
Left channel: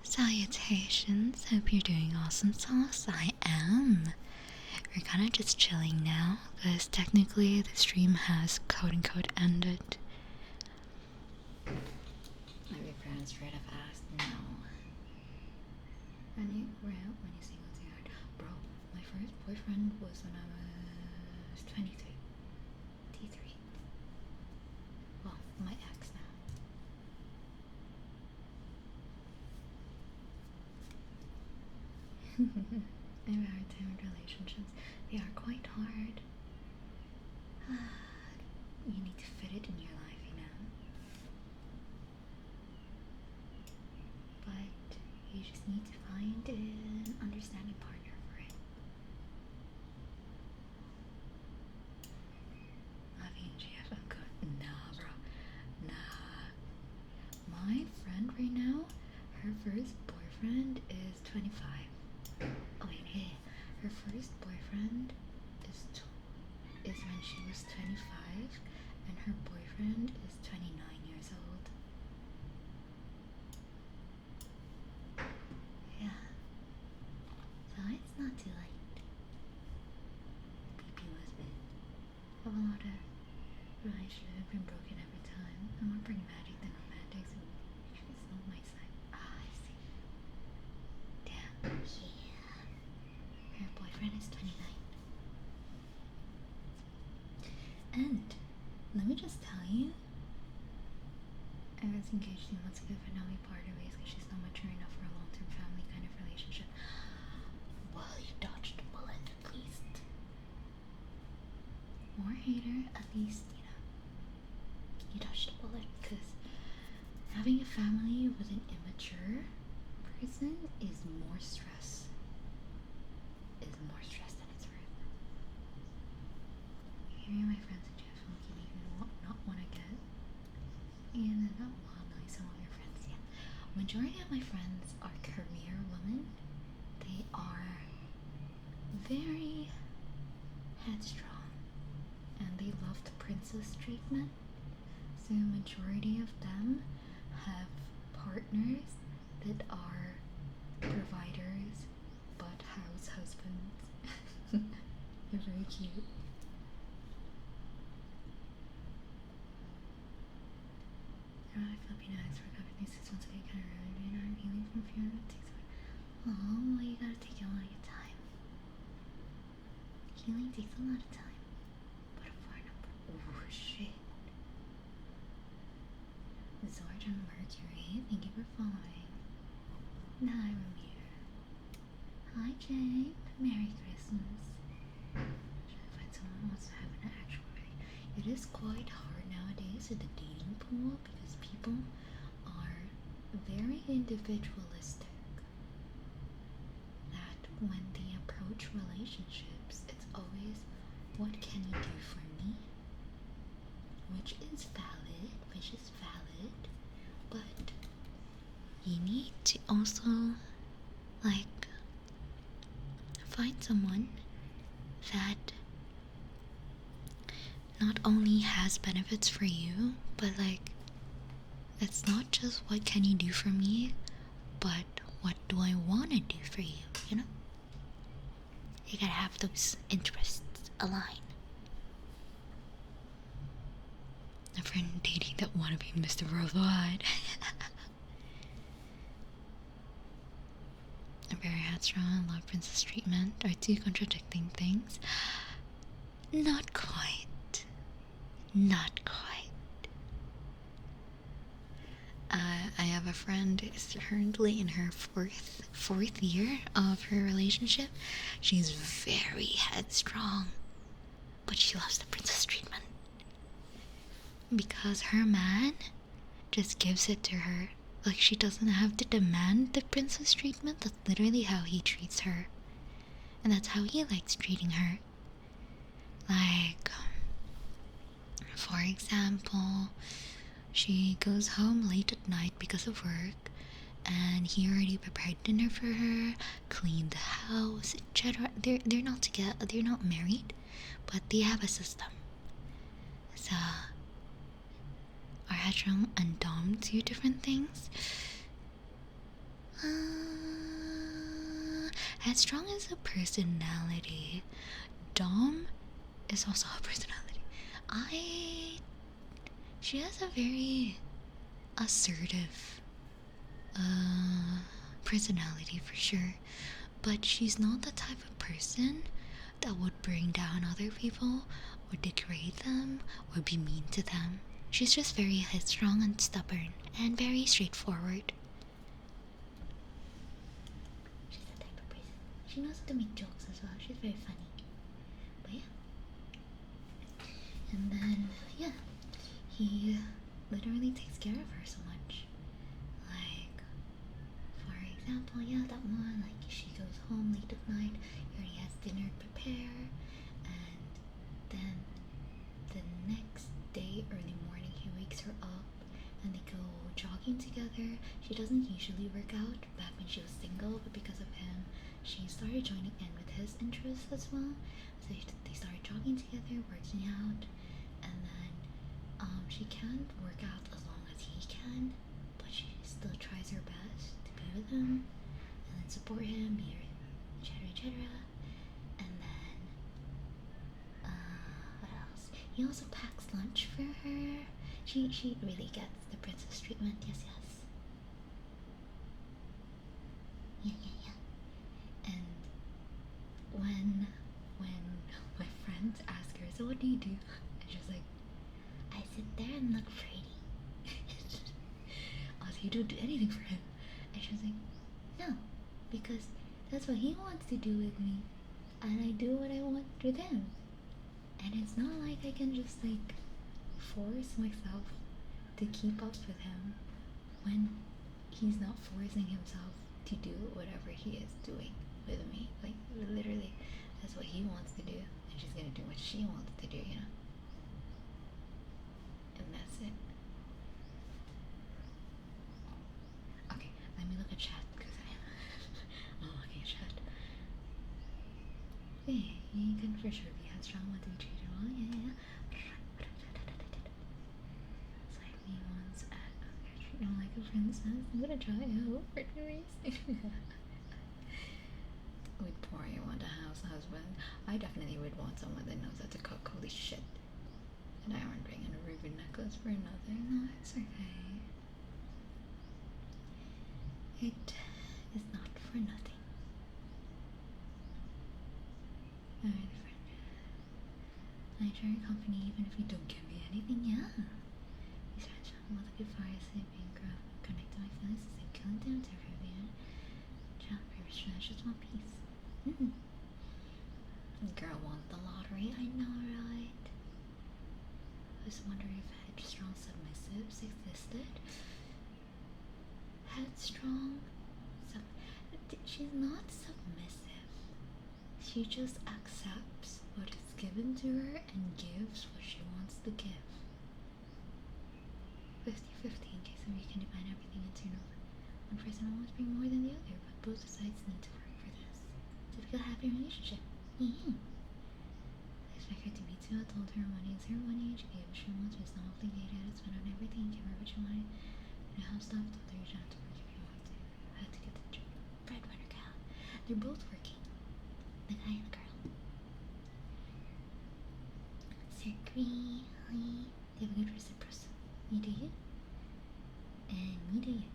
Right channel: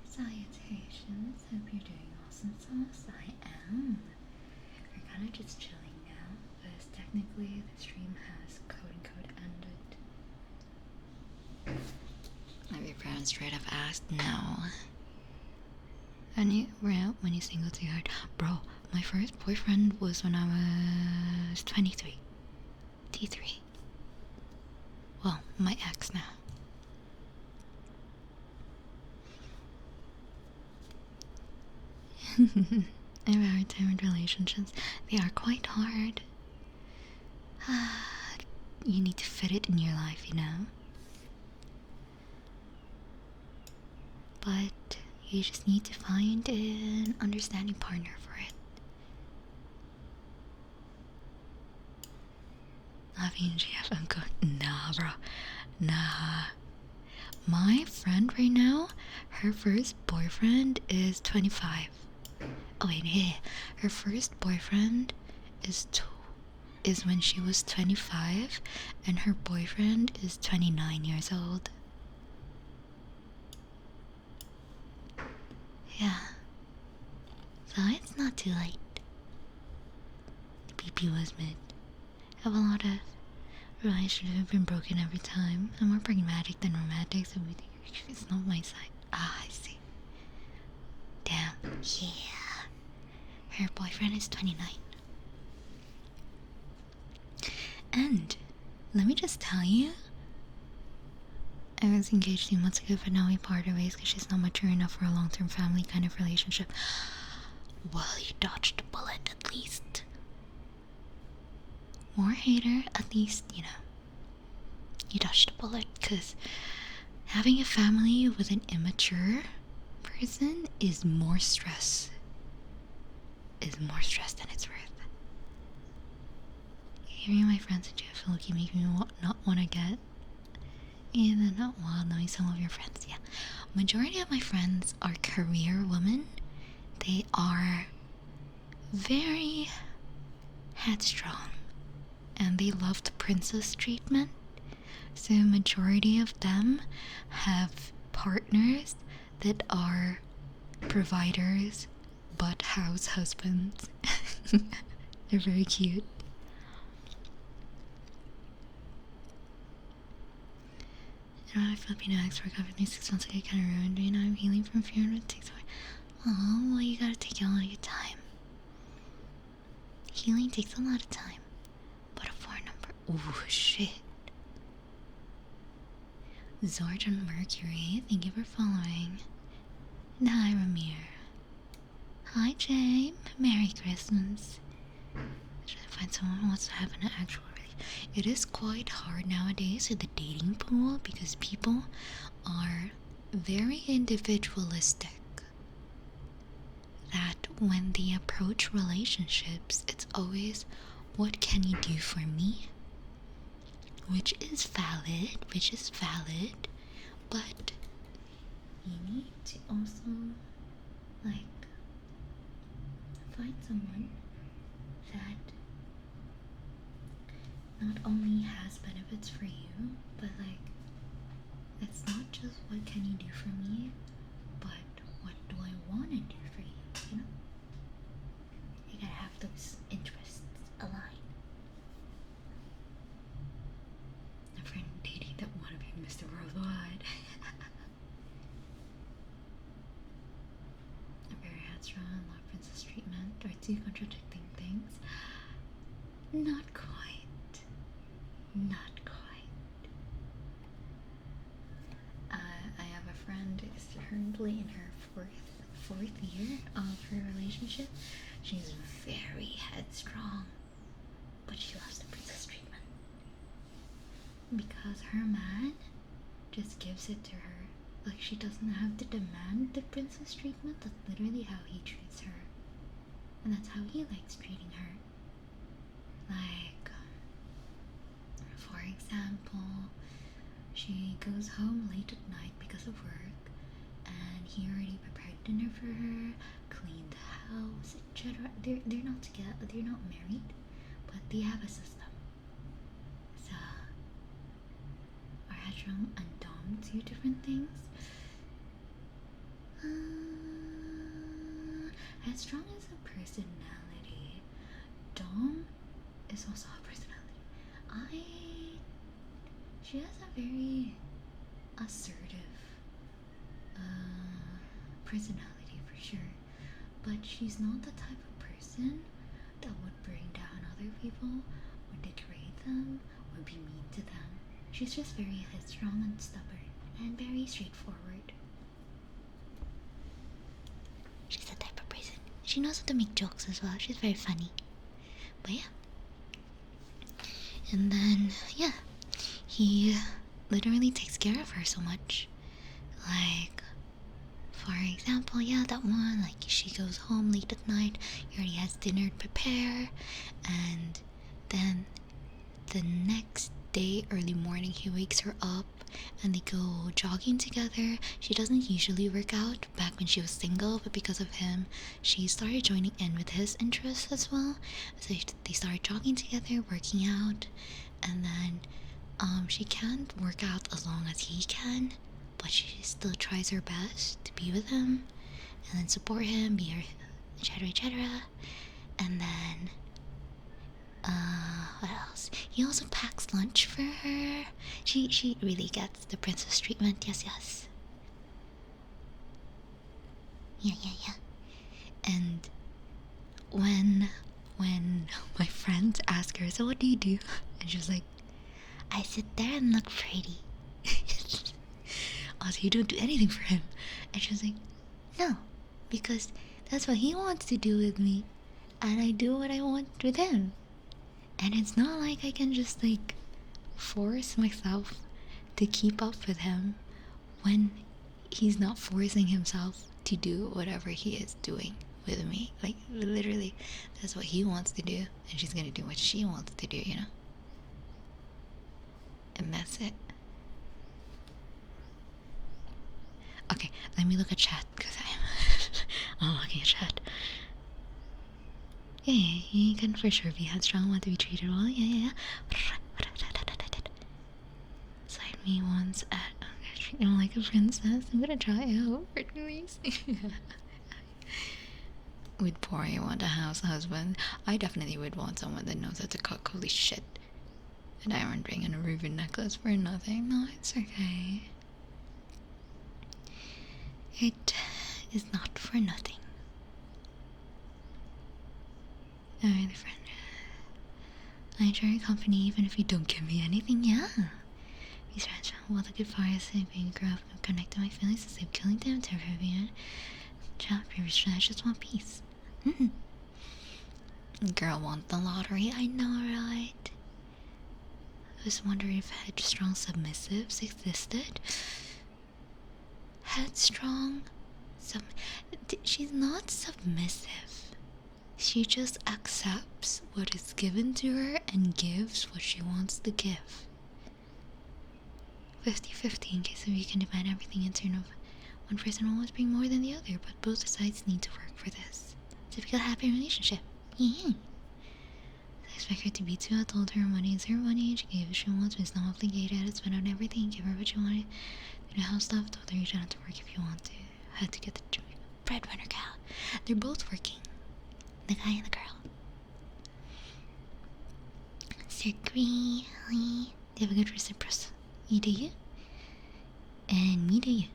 Salutations, hope you're doing awesome, Sauce. I am. We're kind of just chilling now, because technically the stream has quote-unquote ended. Have your parents straight up asked? No. When you single too hard. Bro, my first boyfriend was when I was 23. T3. Well, my ex now. I have a hard time with relationships. They are quite hard. You need to fit it in your life, you know? But you just need to find an understanding partner for it. I mean, GF, I'm good. Nah, bro. Nah. My friend right now, her first boyfriend is 25. Oh wait, yeah. Her first boyfriend is when she was 25, and her boyfriend is 29 years old. Yeah. So it's not too late. The PP was mid. Have a lot of relationships have been broken every time. I'm more pragmatic than romantic, so it's not my side. Ah, I see. Damn. Yeah. Her boyfriend is 29. And let me just tell you, I was engaged 2 months ago, but now we parted ways because she's not mature enough for a long-term family kind of relationship. Well, you dodged a bullet at least. More hater, at least, you know. You dodged a bullet, because having a family with an immature person is more stress. Is more stress than it's worth. Hearing my friends at GFUEL keep making me not want to get. And then not wild knowing some of your friends. Yeah, majority of my friends are career women. They are very headstrong, and they love the princess treatment. So majority of them have partners that are providers but house husbands. They're very cute. You know, my Filipino ex broke up with me 6 months ago, kind of ruined me. Now I'm healing from fear and it takes away. Oh, well, you gotta take all your time. Healing takes a lot of time. But a 4 number. Ooh, shit. Zorjan Mercury, thank you for following. And hi, Ramir. Hi, Jay. Merry Christmas. Should I find someone who wants to have an actual relationship? It is quite hard nowadays in the dating pool because people are very individualistic. That when they approach relationships, it's always, what can you do for me? Which is valid, but you need to also, like, find someone that not only has benefits for you, but like, it's not just what can you do for me, but what do I want to do for you, you know? You gotta have those interests align. A friend dating that wanna be Mr. Worldwide. I'm very headstrong and love princess treatment are two contradicting things. Not quite. Not quite. I have a friend who's currently in her fourth year of her relationship. She's very headstrong, but she loves the princess treatment because her man just gives it to her. Like, she doesn't have to demand the princess treatment. That's literally how he treats her, and that's how he likes treating her. Like, for example, she goes home late at night because of work, and he already prepared dinner for her, cleaned the house, etc. They're not together, they're not married, but they have a system. So, are headstrong and dom two different things? Headstrong is a personality. Dom is also a personality. She has a very assertive personality for sure, but she's not the type of person that would bring down other people or degrade them or be mean to them. She's just very headstrong and stubborn and very straightforward. She's the type of person. She knows how to make jokes as well. She's very funny. But yeah. And then, yeah, he literally takes care of her so much. Like, for example, yeah, that one, like, she goes home late at night, he already has dinner to prepare, and then the next day, early morning, he wakes her up and they go jogging together. She doesn't usually work out back when she was single, but because of him, she started joining in with his interests as well. So they started jogging together, working out, and then she can't work out as long as he can, but she still tries her best to be with him and then support him, be her, etc. And then what else? He also packs lunch for her. She really gets the princess treatment. Yes. Yeah. And when my friends ask her, so what do you do? And she's like, I sit there and look pretty. Also, you don't do anything for him. And she's like, no, because that's what he wants to do with me, and I do what I want with him. And it's not like I can just like force myself to keep up with him when he's not forcing himself to do whatever he is doing with me. Like, literally, that's what he wants to do, and she's gonna do what she wants to do, you know? And that's it. Okay, let me look at chat, because I'm looking at chat. Yeah, you can for sure be headstrong, want to be treated well. Yeah. Side me once at treat him like a princess. I'm gonna try out for 2 weeks. Would Pori want a house husband? I definitely would want someone that knows how to cook. Holy shit. An diamond ring and a ruby necklace for nothing. No, it's okay. It is not for nothing. Alright, friend. I enjoy your company even if you don't give me anything, yeah. These friends will the good fire being grew up and connected my feelings to save killing them, terrifying. Job previous, I just want peace. Girl want the lottery, I know, right? I was wondering if headstrong submissives existed. Headstrong? She's not submissive. She just accepts what is given to her and gives what she wants to give. 50-50 in case of you can demand everything in turn of one person will always bring more than the other, but both sides need to work for this. Typical happy relationship. Yeah. I expect her to be too. I told her money is her money. She gave what she wants, but it's not obligated. It's spent on everything. Give her what she wanted. You know how stuff. Told her you don't have to work if you want to. Had to get the breadwinner gal. They're both working. The guy and the girl. Sir Green, hi. They have a good reciprocity. You do you? And me do you?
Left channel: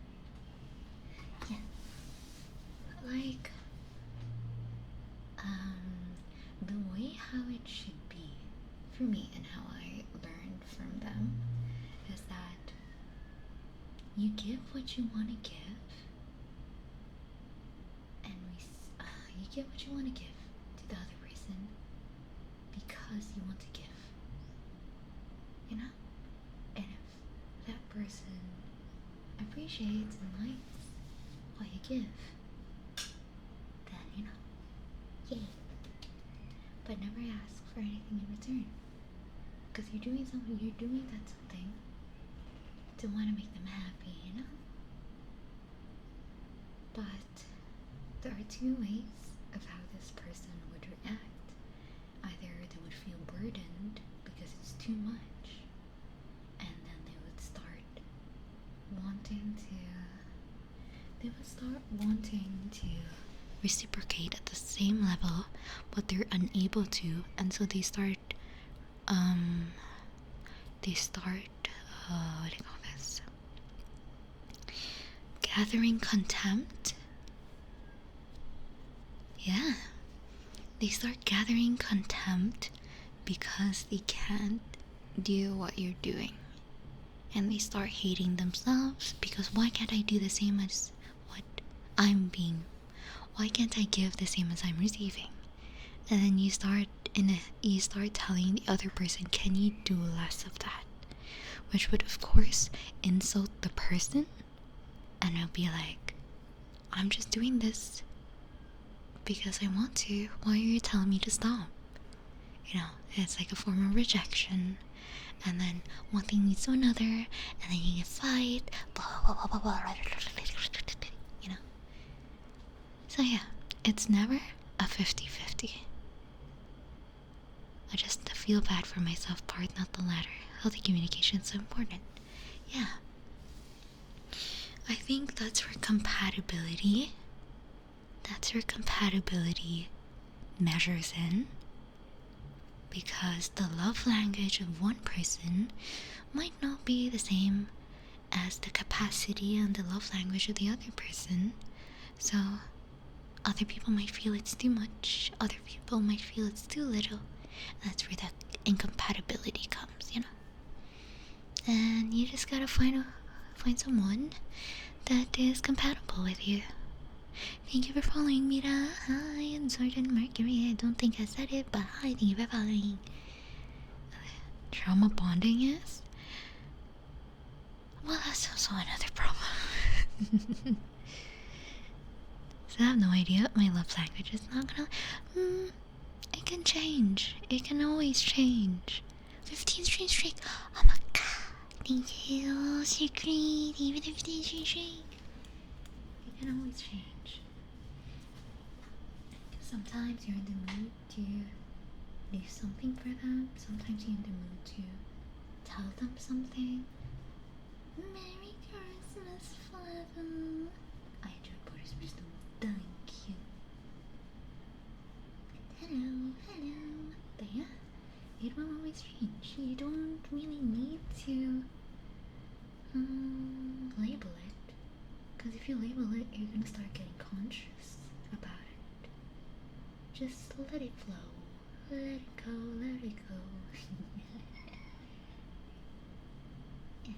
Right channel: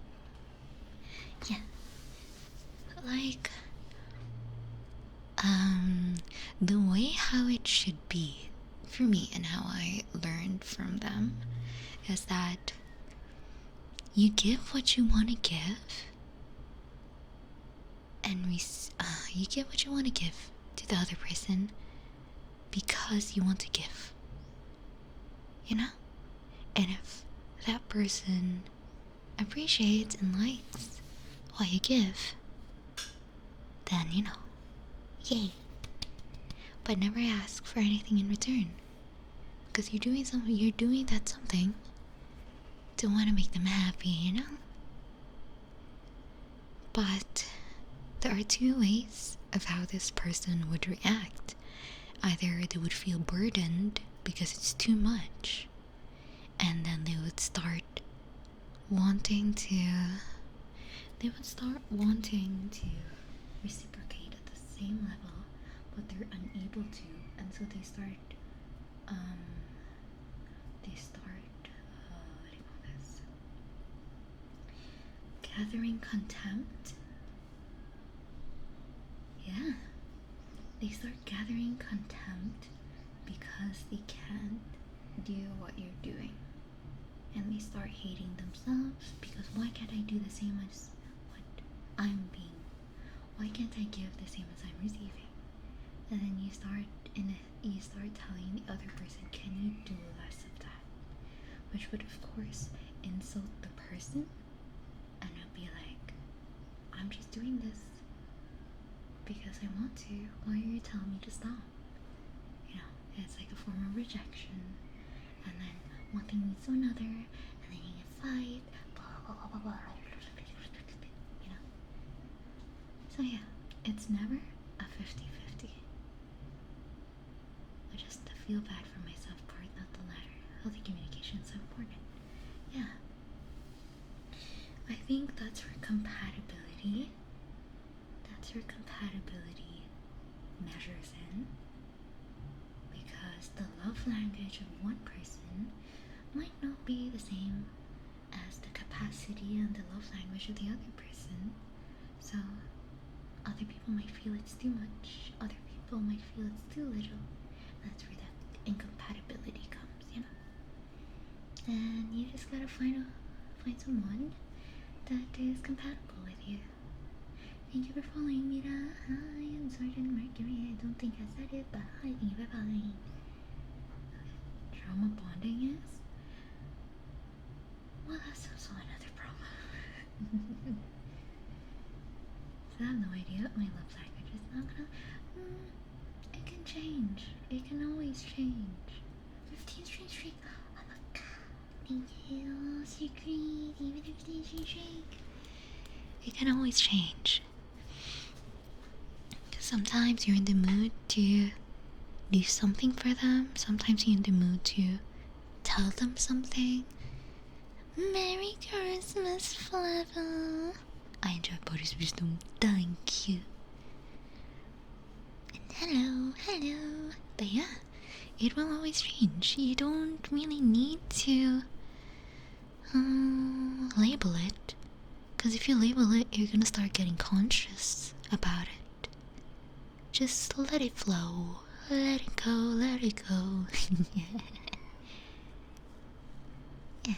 Yeah. Like, the way how it should be for me and how I learned from them is that you give what you want to give, and you give what you want to give to the other person because you want to give, you know? And if that person appreciates and likes what you give, then, you know, yay. But never ask for anything in return, because you're doing that something to want to make them happy, you know? But there are two ways of how this person would react. Either they would feel burdened because it's too much, and then they would start wanting to reciprocate at the same level, but they're unable to, and so they start what do you call this, gathering contempt. Yeah, they start gathering contempt because they can't do what you're doing, and they start hating themselves because why can't I do the same as what I'm being, why can't I give the same as I'm receiving? And then you start telling the other person, can you do less of that? Which would of course insult the person, and I'll be like, I'm just doing this because I want to. Why are you telling me to stop? You know, it's like a form of rejection, and then one thing leads to another, and then you get fight, blah blah blah blah blah, you know. So yeah, it's never a 50-50. I just feel bad for myself part, not the latter. Healthy communication is so important. Yeah. I think that's where compatibility measures in, because the love language of one person might not be the same as the capacity and the love language of the other person. So other people might feel it's too much, other people might feel it's too little. That's where that incompatibility comes, you know. And you just gotta find someone that is compatible with you. Thank you for following, Mira. Hi, and Sergeant Mercury. I don't think I said it, but hi, thank you for following. Trauma bonding is? Well, that's also another problem. I have no idea what my love language is. Not gonna. It can change. It can always change. 15 streak. Oh my god. Thank you. So great. Even 15 streak. It can always change. Sometimes you're in the mood to do something for them. Sometimes you're in the mood to tell them something. Merry Christmas, Flavor. I enjoy Boris wisdom. Thank you. And hello. But yeah, it will always change. You don't really need to label it. Because if you label it, you're gonna start getting conscious about it. Just let it flow. Let it go, let it go. Yeah.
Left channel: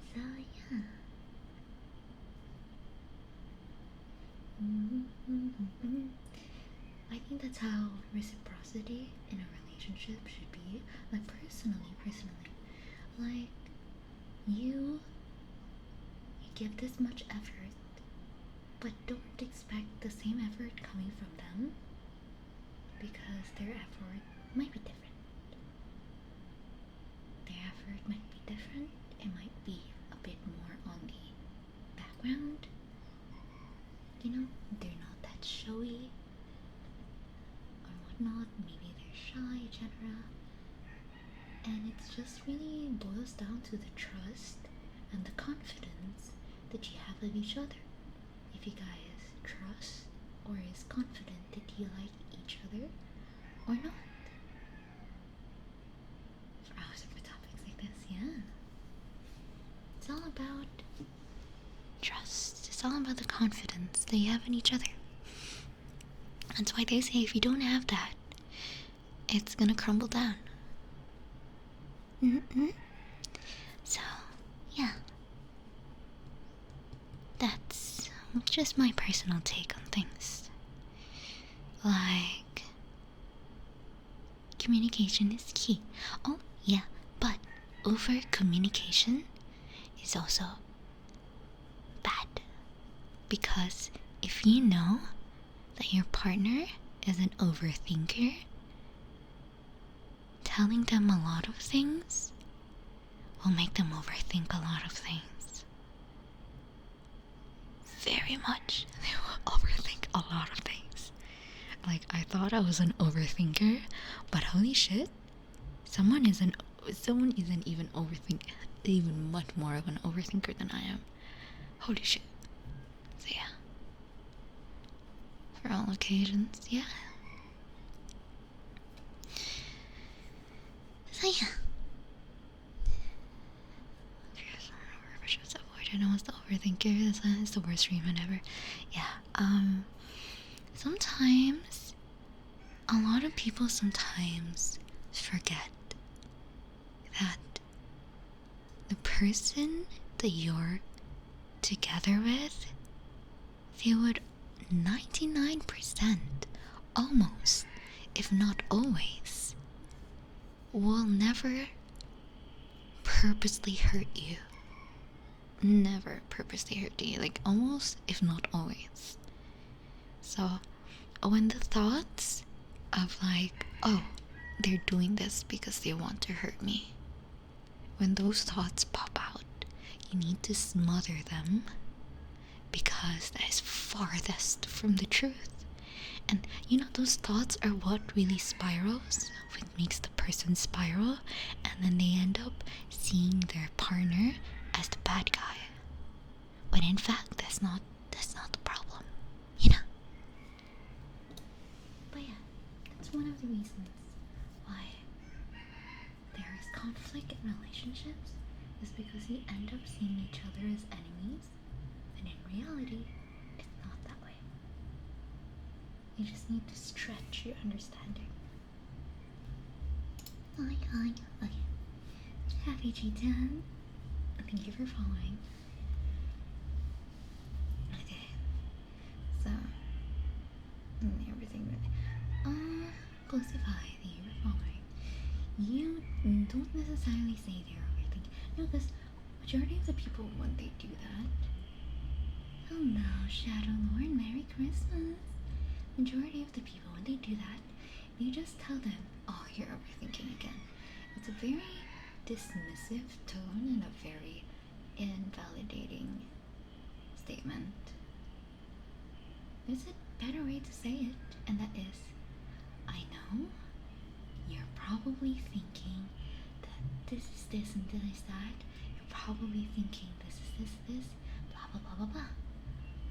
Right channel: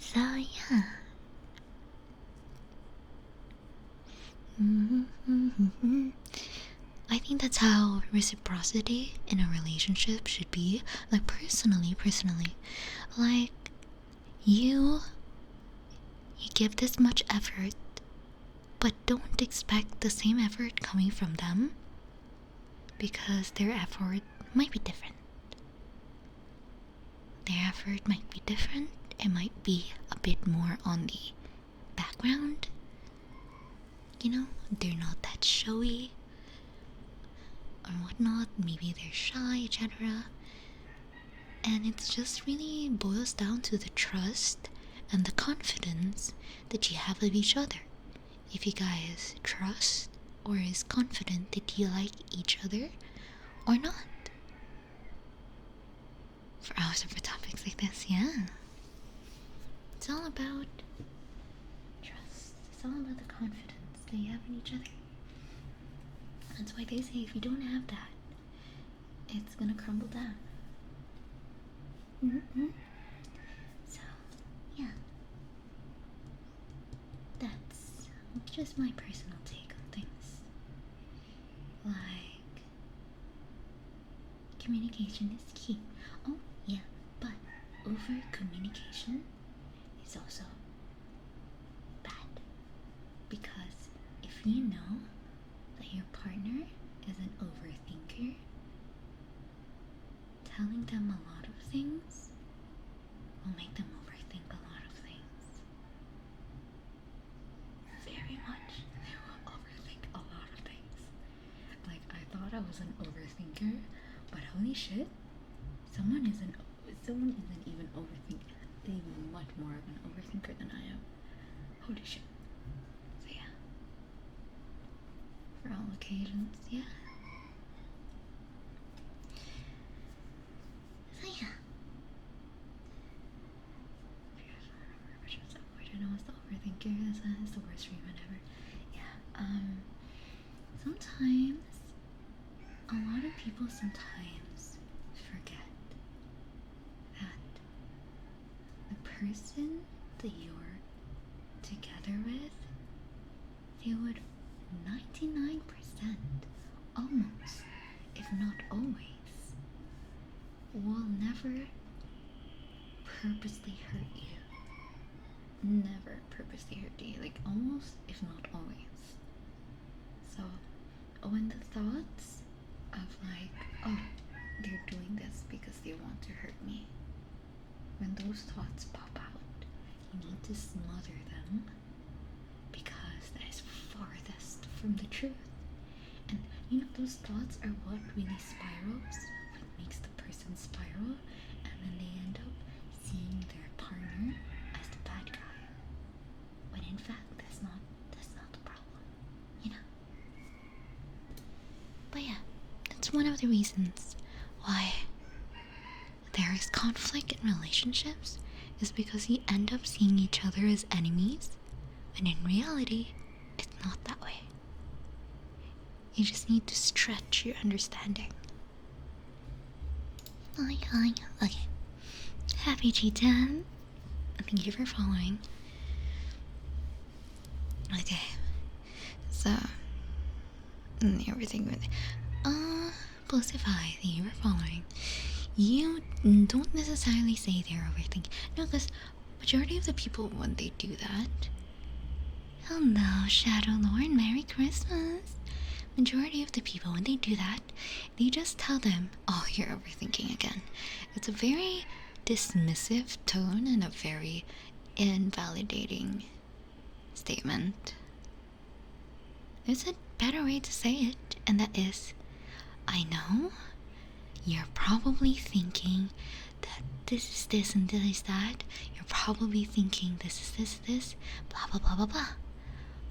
So, yeah. I think that's how reciprocity in a relationship should be. Like, personally. Like, you give this much effort, but don't expect the same effort coming from them, because their effort might be different. It might be a bit more on the background. You know, they're not that showy or whatnot. Maybe they're shy, etc. And it's just really boils down to the trust and the confidence that you have of each other. If you guys trust or is confident that you like each other or not. For hours of topics like this, yeah. It's all about trust. It's all about the confidence that you have in each other. That's why they say if you don't have that, it's gonna crumble down. So, yeah. That's just my personal take on things. Like, communication is key. Oh, yeah, but over communication is also bad. Because if you know that your partner is an overthinker, telling them a lot of things will make them overthink a lot of things. Very much. They will overthink a lot of things. Like, I thought I was an overthinker, but holy shit, someone isn't even even much more of an overthinker than I am. Holy shit. So yeah. For all occasions, yeah. So yeah. I know it's the overthinker. It's the worst treatment ever. Yeah. Sometimes a lot of people sometimes forget that the person that you're together with, they would 99% almost, if not always, will never purposely hurt you. Never purposely hurt you. Like, almost, if not always. So, when the thoughts of like, oh, they're doing this because they want to hurt me, when those thoughts pop out, you need to smother them, because that is farthest from the truth. And you know, those thoughts are what really spirals, what makes the person spiral, and then they end up seeing their partner as the bad guy, when in fact that's not the problem, you know. But yeah, that's one of the reasons why there is conflict in relationships, is because you end up seeing each other as enemies, when in reality it's not that way. You just need to stretch your understanding. Okay. Happy G10. Thank you for following. Okay. So, everything with Postify, thank you for following. You don't necessarily say they're overthinking. No, because majority of the people, when they do that, Hello, Shadow Lord. Merry Christmas. Majority of the people, when they do that, they just tell them, oh, you're overthinking again. It's a very dismissive tone and a very invalidating statement. There's a better way to say it, and that is, I know you're probably thinking that this is this and this is that. You're probably thinking this is this, blah blah blah blah blah.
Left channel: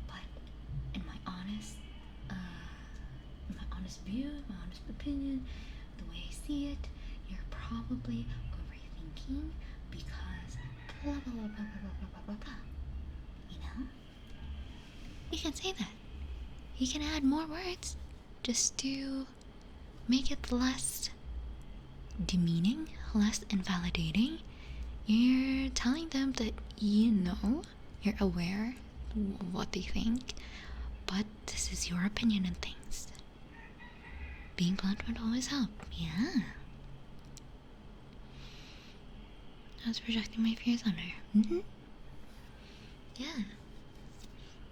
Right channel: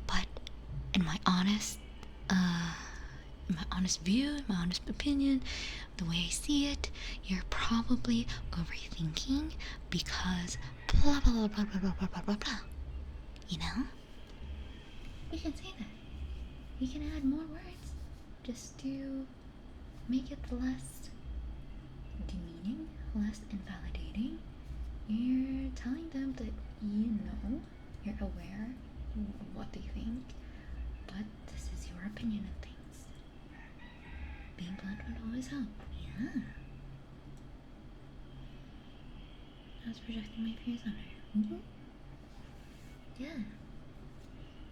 But in my honest view, my honest opinion, the way I see it, you're probably overthinking because blah blah blah blah blah blah blah blah blah. You know? You can say that. You can add more words just to make it less demeaning, less invalidating. You're telling them that you know, you're aware of what they think, but this is your opinion on things. Being blunt would always help, yeah. I was projecting my fears on her. Yeah.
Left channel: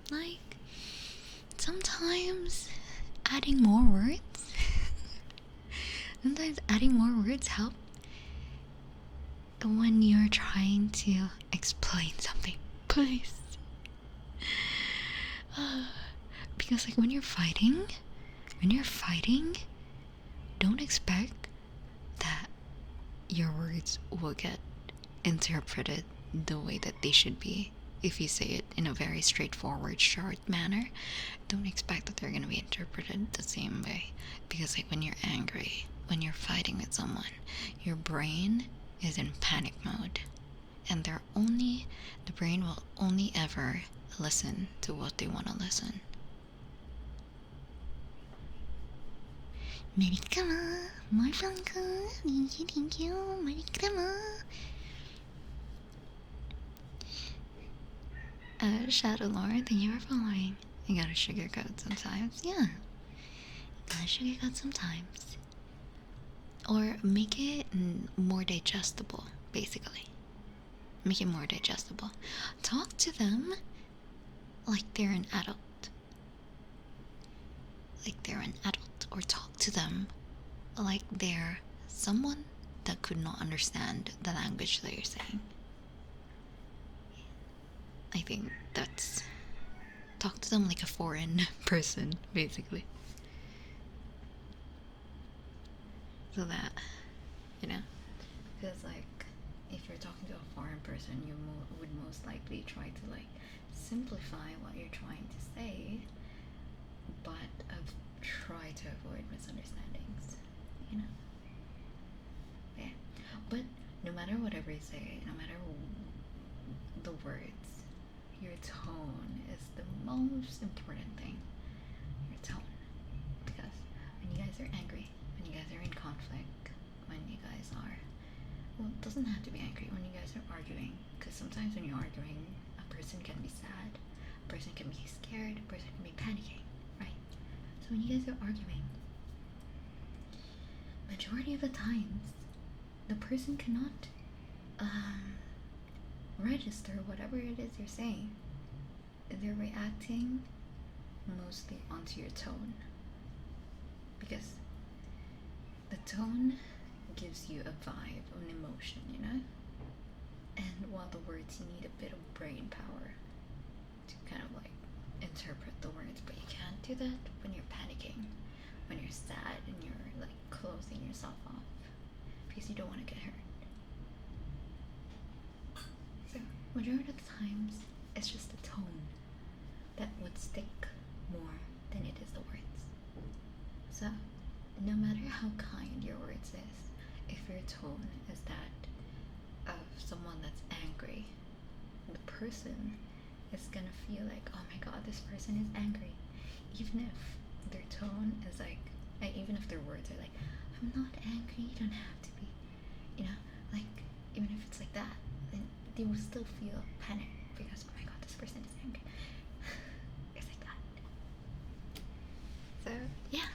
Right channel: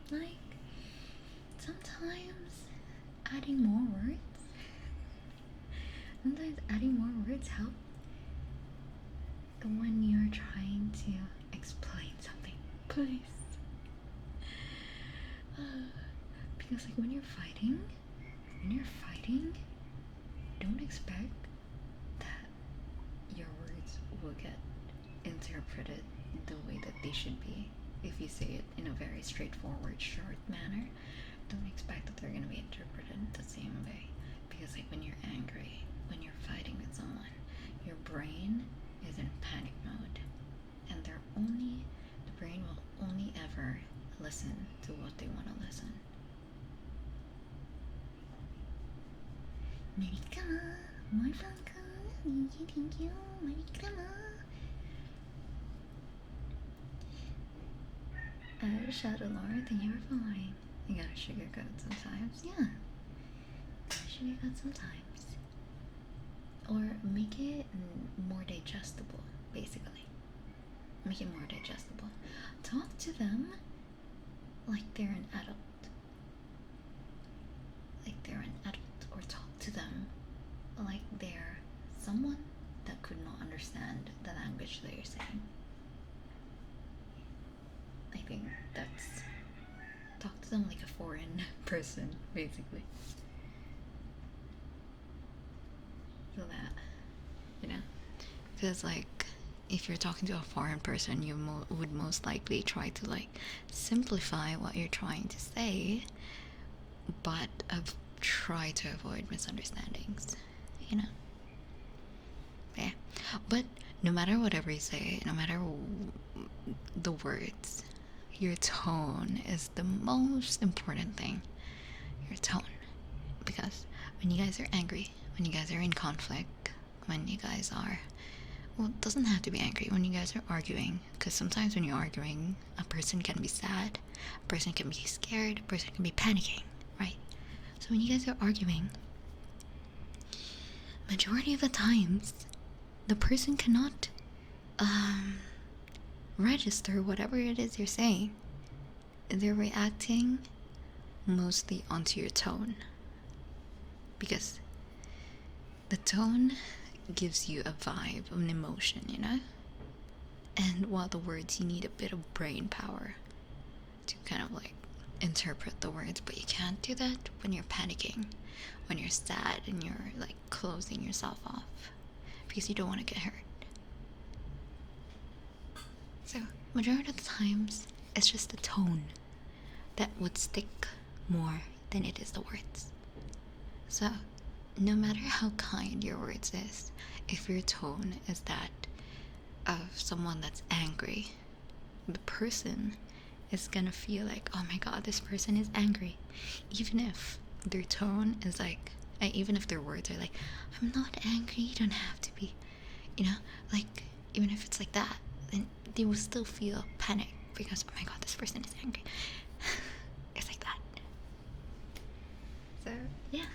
Like, sometimes adding more words help when you're trying to explain something. Please. Because like when you're fighting, don't expect that your words will get interpreted the way that they should be. If you say it in a very straightforward, short manner, don't expect that they're going to be interpreted the same way. Because like when you're angry, when you're fighting with someone, your brain is in panic mode, and the brain will only ever listen to what they want to listen. Merry Christmas, more Franco. Thank you, Merry Christmas. Shadow Lord, thank you for following. You gotta sugarcoat sometimes, yeah. Gotta sugarcoat sometimes. Or make it more digestible, basically. Make it more digestible. Talk to them like they're an adult. Or talk to them like they're someone that could not understand the language that you're saying. I think that's... talk to them like a foreign person, basically. So that, you know, because like, if you're talking to a foreign person, you would most likely try to like simplify what you're trying to say, but try to avoid misunderstandings, you know? Yeah. But no matter whatever you say, no matter the words, your tone is the most important thing. Your tone. Because when you guys are angry, when you guys are in conflict, when you guys are... well, it doesn't have to be angry. When you guys are arguing, because sometimes when you're arguing, a person can be sad, a person can be scared, a person can be panicking, right? So when you guys are arguing, majority of the times, the person cannot register whatever it is you're saying. They're reacting mostly onto your tone, because the tone gives you a vibe of an emotion, you know? And while the words, you need a bit of brain power to kind of like interpret the words, but you can't do that when you're panicking, when you're sad and you're like closing yourself off because you don't want to get hurt. So majority of the times it's just the tone that would stick more than it is the words. So no matter how kind your words is, if your tone is that of someone that's angry, the person is gonna feel like, oh my god, this person is angry. Even if their tone is like, even if their words are like, I'm not angry, you don't have to be, you know, like, even if it's like that, then they will still feel panic because, oh my god, this person is angry. It's like that. So yeah,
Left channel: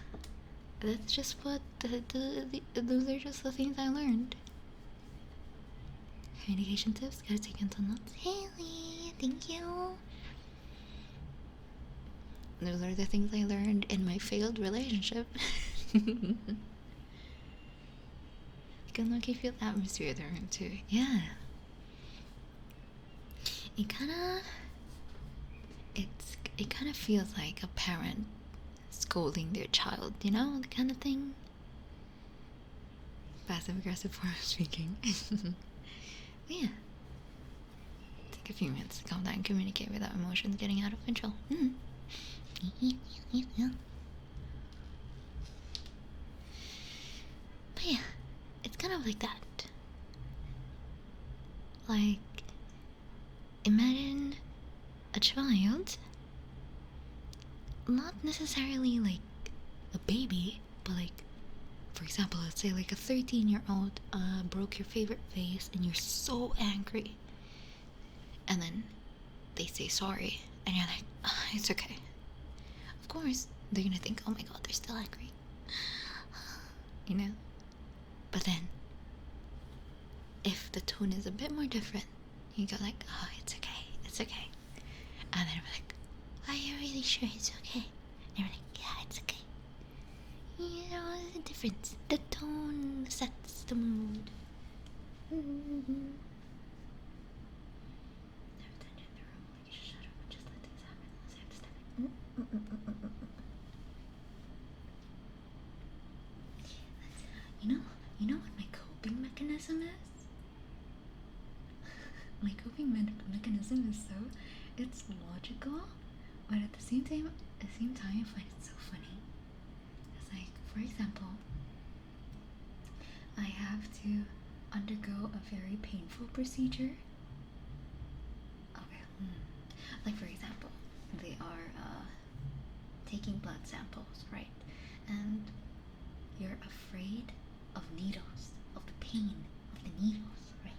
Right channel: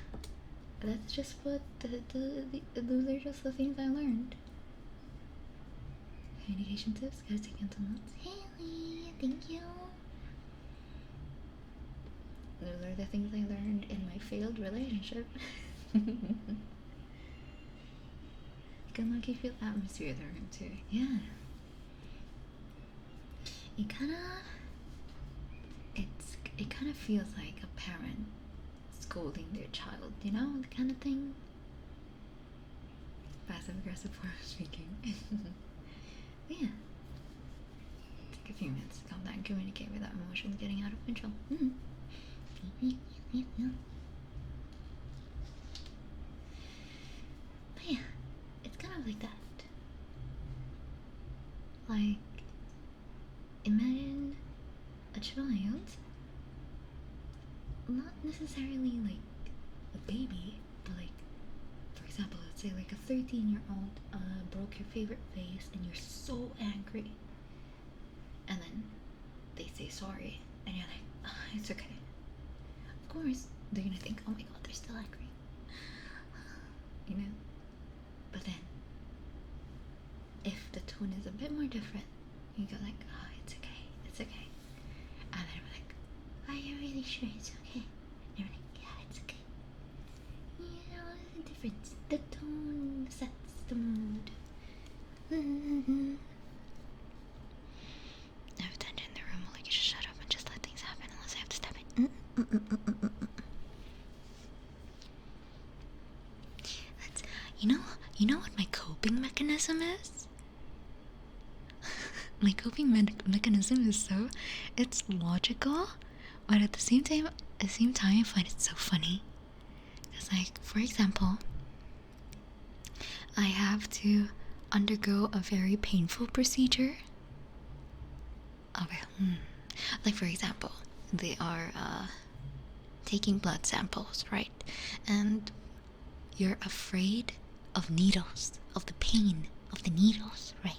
that's just what those are just the things I learned. Communication tips, gotta take mental notes. Haley, thank you. Those are the things I learned in my failed relationship. You can look feel the atmosphere they're into. Yeah. It kind of feels like a parent scolding their child, you know, the kind of thing. Passive aggressive form of speaking. Yeah. Take a few minutes to calm down and communicate without emotions getting out of control. But yeah, it's kind of like that. Like, imagine a child, not necessarily like a baby, but like, for example, let's say like a 13-year-old broke your favorite vase and you're so angry. And then they say sorry, and you're like, oh, it's okay. Of course, they're gonna think, oh my god, they're still angry. You know? But then, if the tone is a bit more different, you go like, oh, it's okay, it's okay. And then we're like, are you really sure it's okay? And you're like, yeah, it's okay. You know, there's a difference. The tone sets the mood. I've attention in the room, like you should shut up and just let things happen unless I have to step in. That's, you know what my coping mechanism is? My coping mechanism is it's logical, but at the same time I find it so funny. Because, like, for example, I have to undergo a very painful procedure. Okay. Like, for example, they are taking blood samples, right? And you're afraid of needles, of the pain of the needles, right?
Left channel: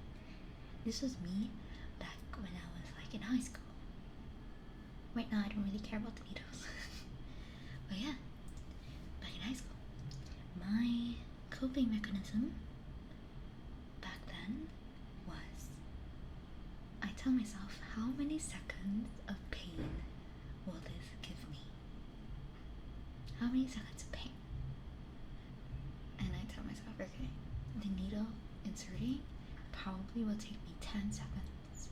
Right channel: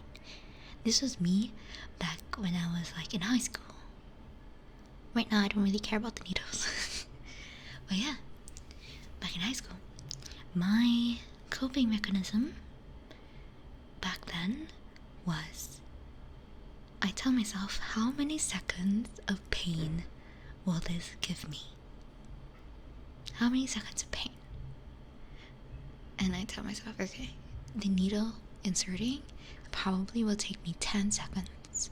This was me back when I was like in high school. Right now I don't really care about the needles. But yeah, back in high school, my coping mechanism back then was, I tell myself, how many seconds of pain will this give me? How many seconds of pain? And I tell myself, okay, the needle inserting probably will take me 10 seconds.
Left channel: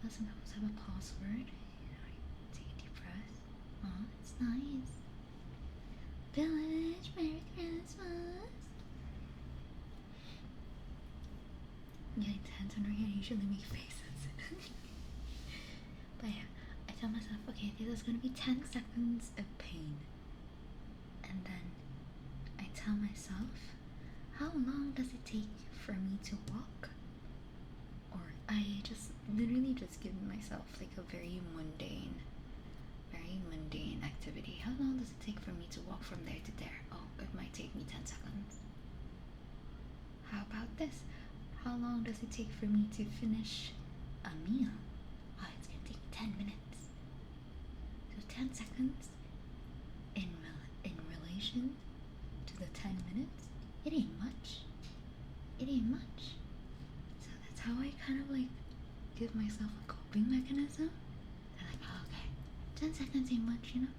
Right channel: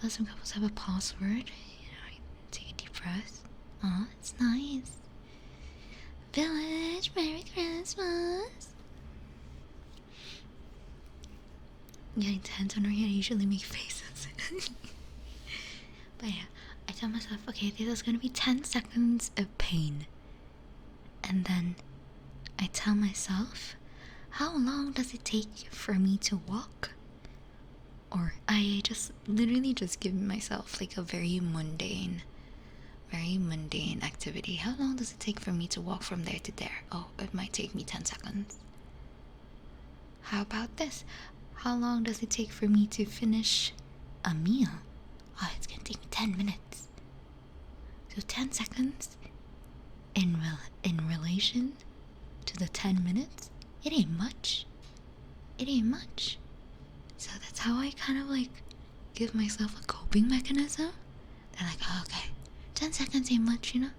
Well, some couples have a password. You know, I take a deep breath. Oh, it's nice. Village, Merry Christmas. Getting tense when I usually make faces. But yeah, I tell myself, okay, this is gonna be 10 seconds of pain. And then I tell myself, how long does it take for me to walk? Or I just literally just give myself like a very mundane activity. How long does it take for me to walk from there to there? Oh, it might take me 10 seconds. How about this? How long does it take for me to finish a meal? Oh, it's gonna take me 10 minutes. So 10 seconds in relation to the 10 minutes, it ain't much. It ain't much. So that's how I kind of like give myself a coping mechanism. They're like, oh, okay, 10 seconds ain't much, you know?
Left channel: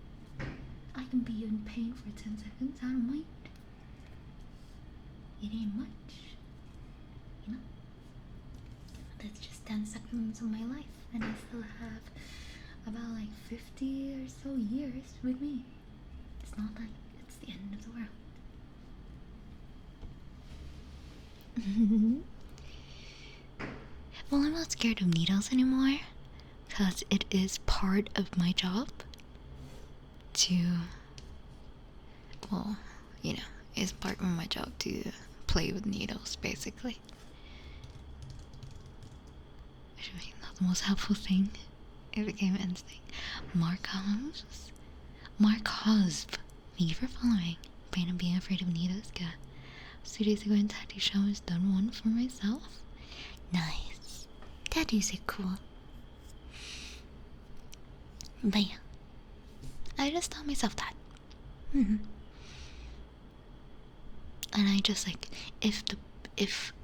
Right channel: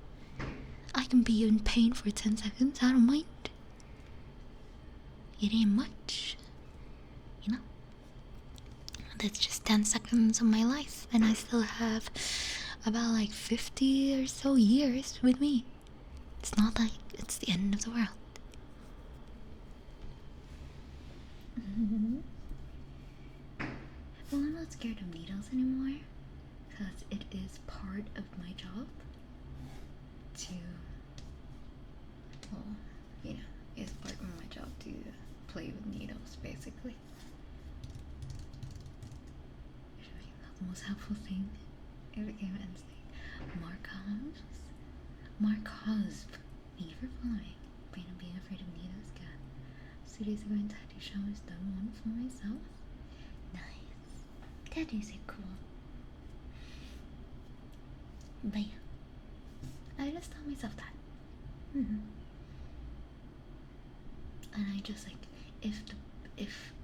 I can be in pain for 10 seconds, I don't mind. It ain't much, you know? That's just 10 seconds of my life, and I still have about like 50 or so years with me. It's not like it's the end of the world. Well, I'm not scared of needles anymore, because it is part of my job to, well, you know, it's part of my job to play with needles, basically. Which I mean, not the most helpful thing. It became an instinct. Mark Hosp, thank you for following. Pain of being afraid of needles, yeah. 2 days ago in tattoo showers, done one for myself. Nice. Tattoos are cool. But yeah, I just tell myself that. And I just like, if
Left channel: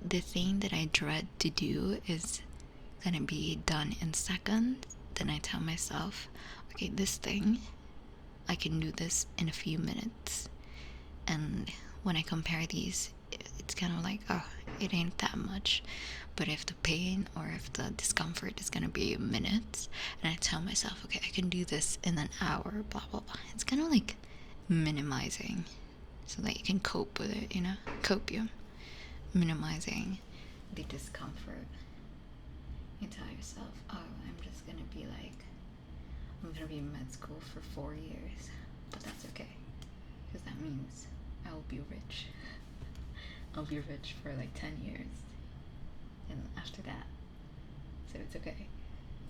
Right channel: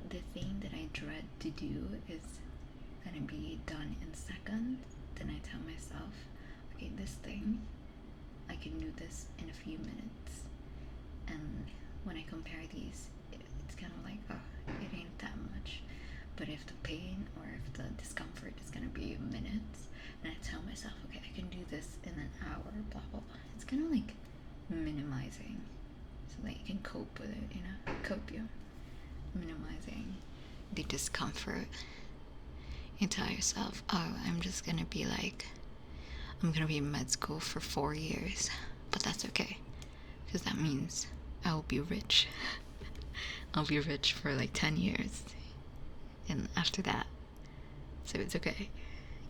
the thing that I dread to do is gonna be done in seconds, then I tell myself, okay, this thing, I can do this in a few minutes. And when I compare these, it's kind of like, oh, it ain't that much. But if the pain or if the discomfort is gonna be minutes, and I tell myself, okay, I can do this in an hour, blah blah blah, it's kind of like minimizing so that you can cope with it, you know? Copium. Minimizing the discomfort. You tell yourself, oh, I'm just gonna be like, I'm gonna be in med school for 4 years, but that's okay, because that means I will be rich. I'll be rich for like 10 years, and after that, so it's okay.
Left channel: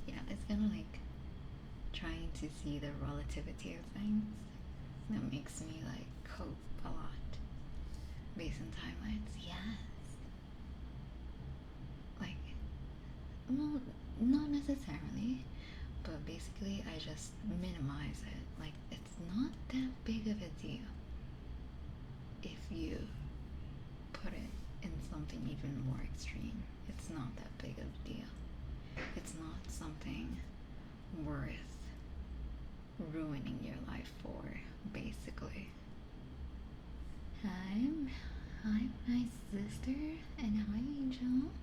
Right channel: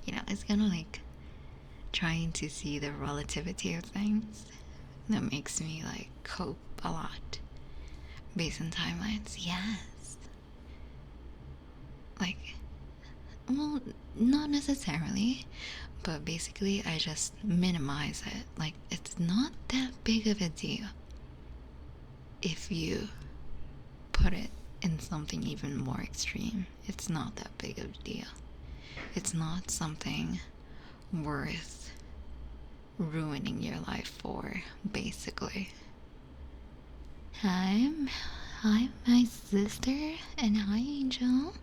You know, it's kind of like trying to see the relativity of things that makes me like cope a lot based on timelines. Yes. Like, well, not necessarily, but basically I just minimize it. Like, it's not that big of a deal if you put it in something even more extreme. It's not that big of a deal. It's not something worth ruining your life for, basically. Hi, my sister, and hi, Angel.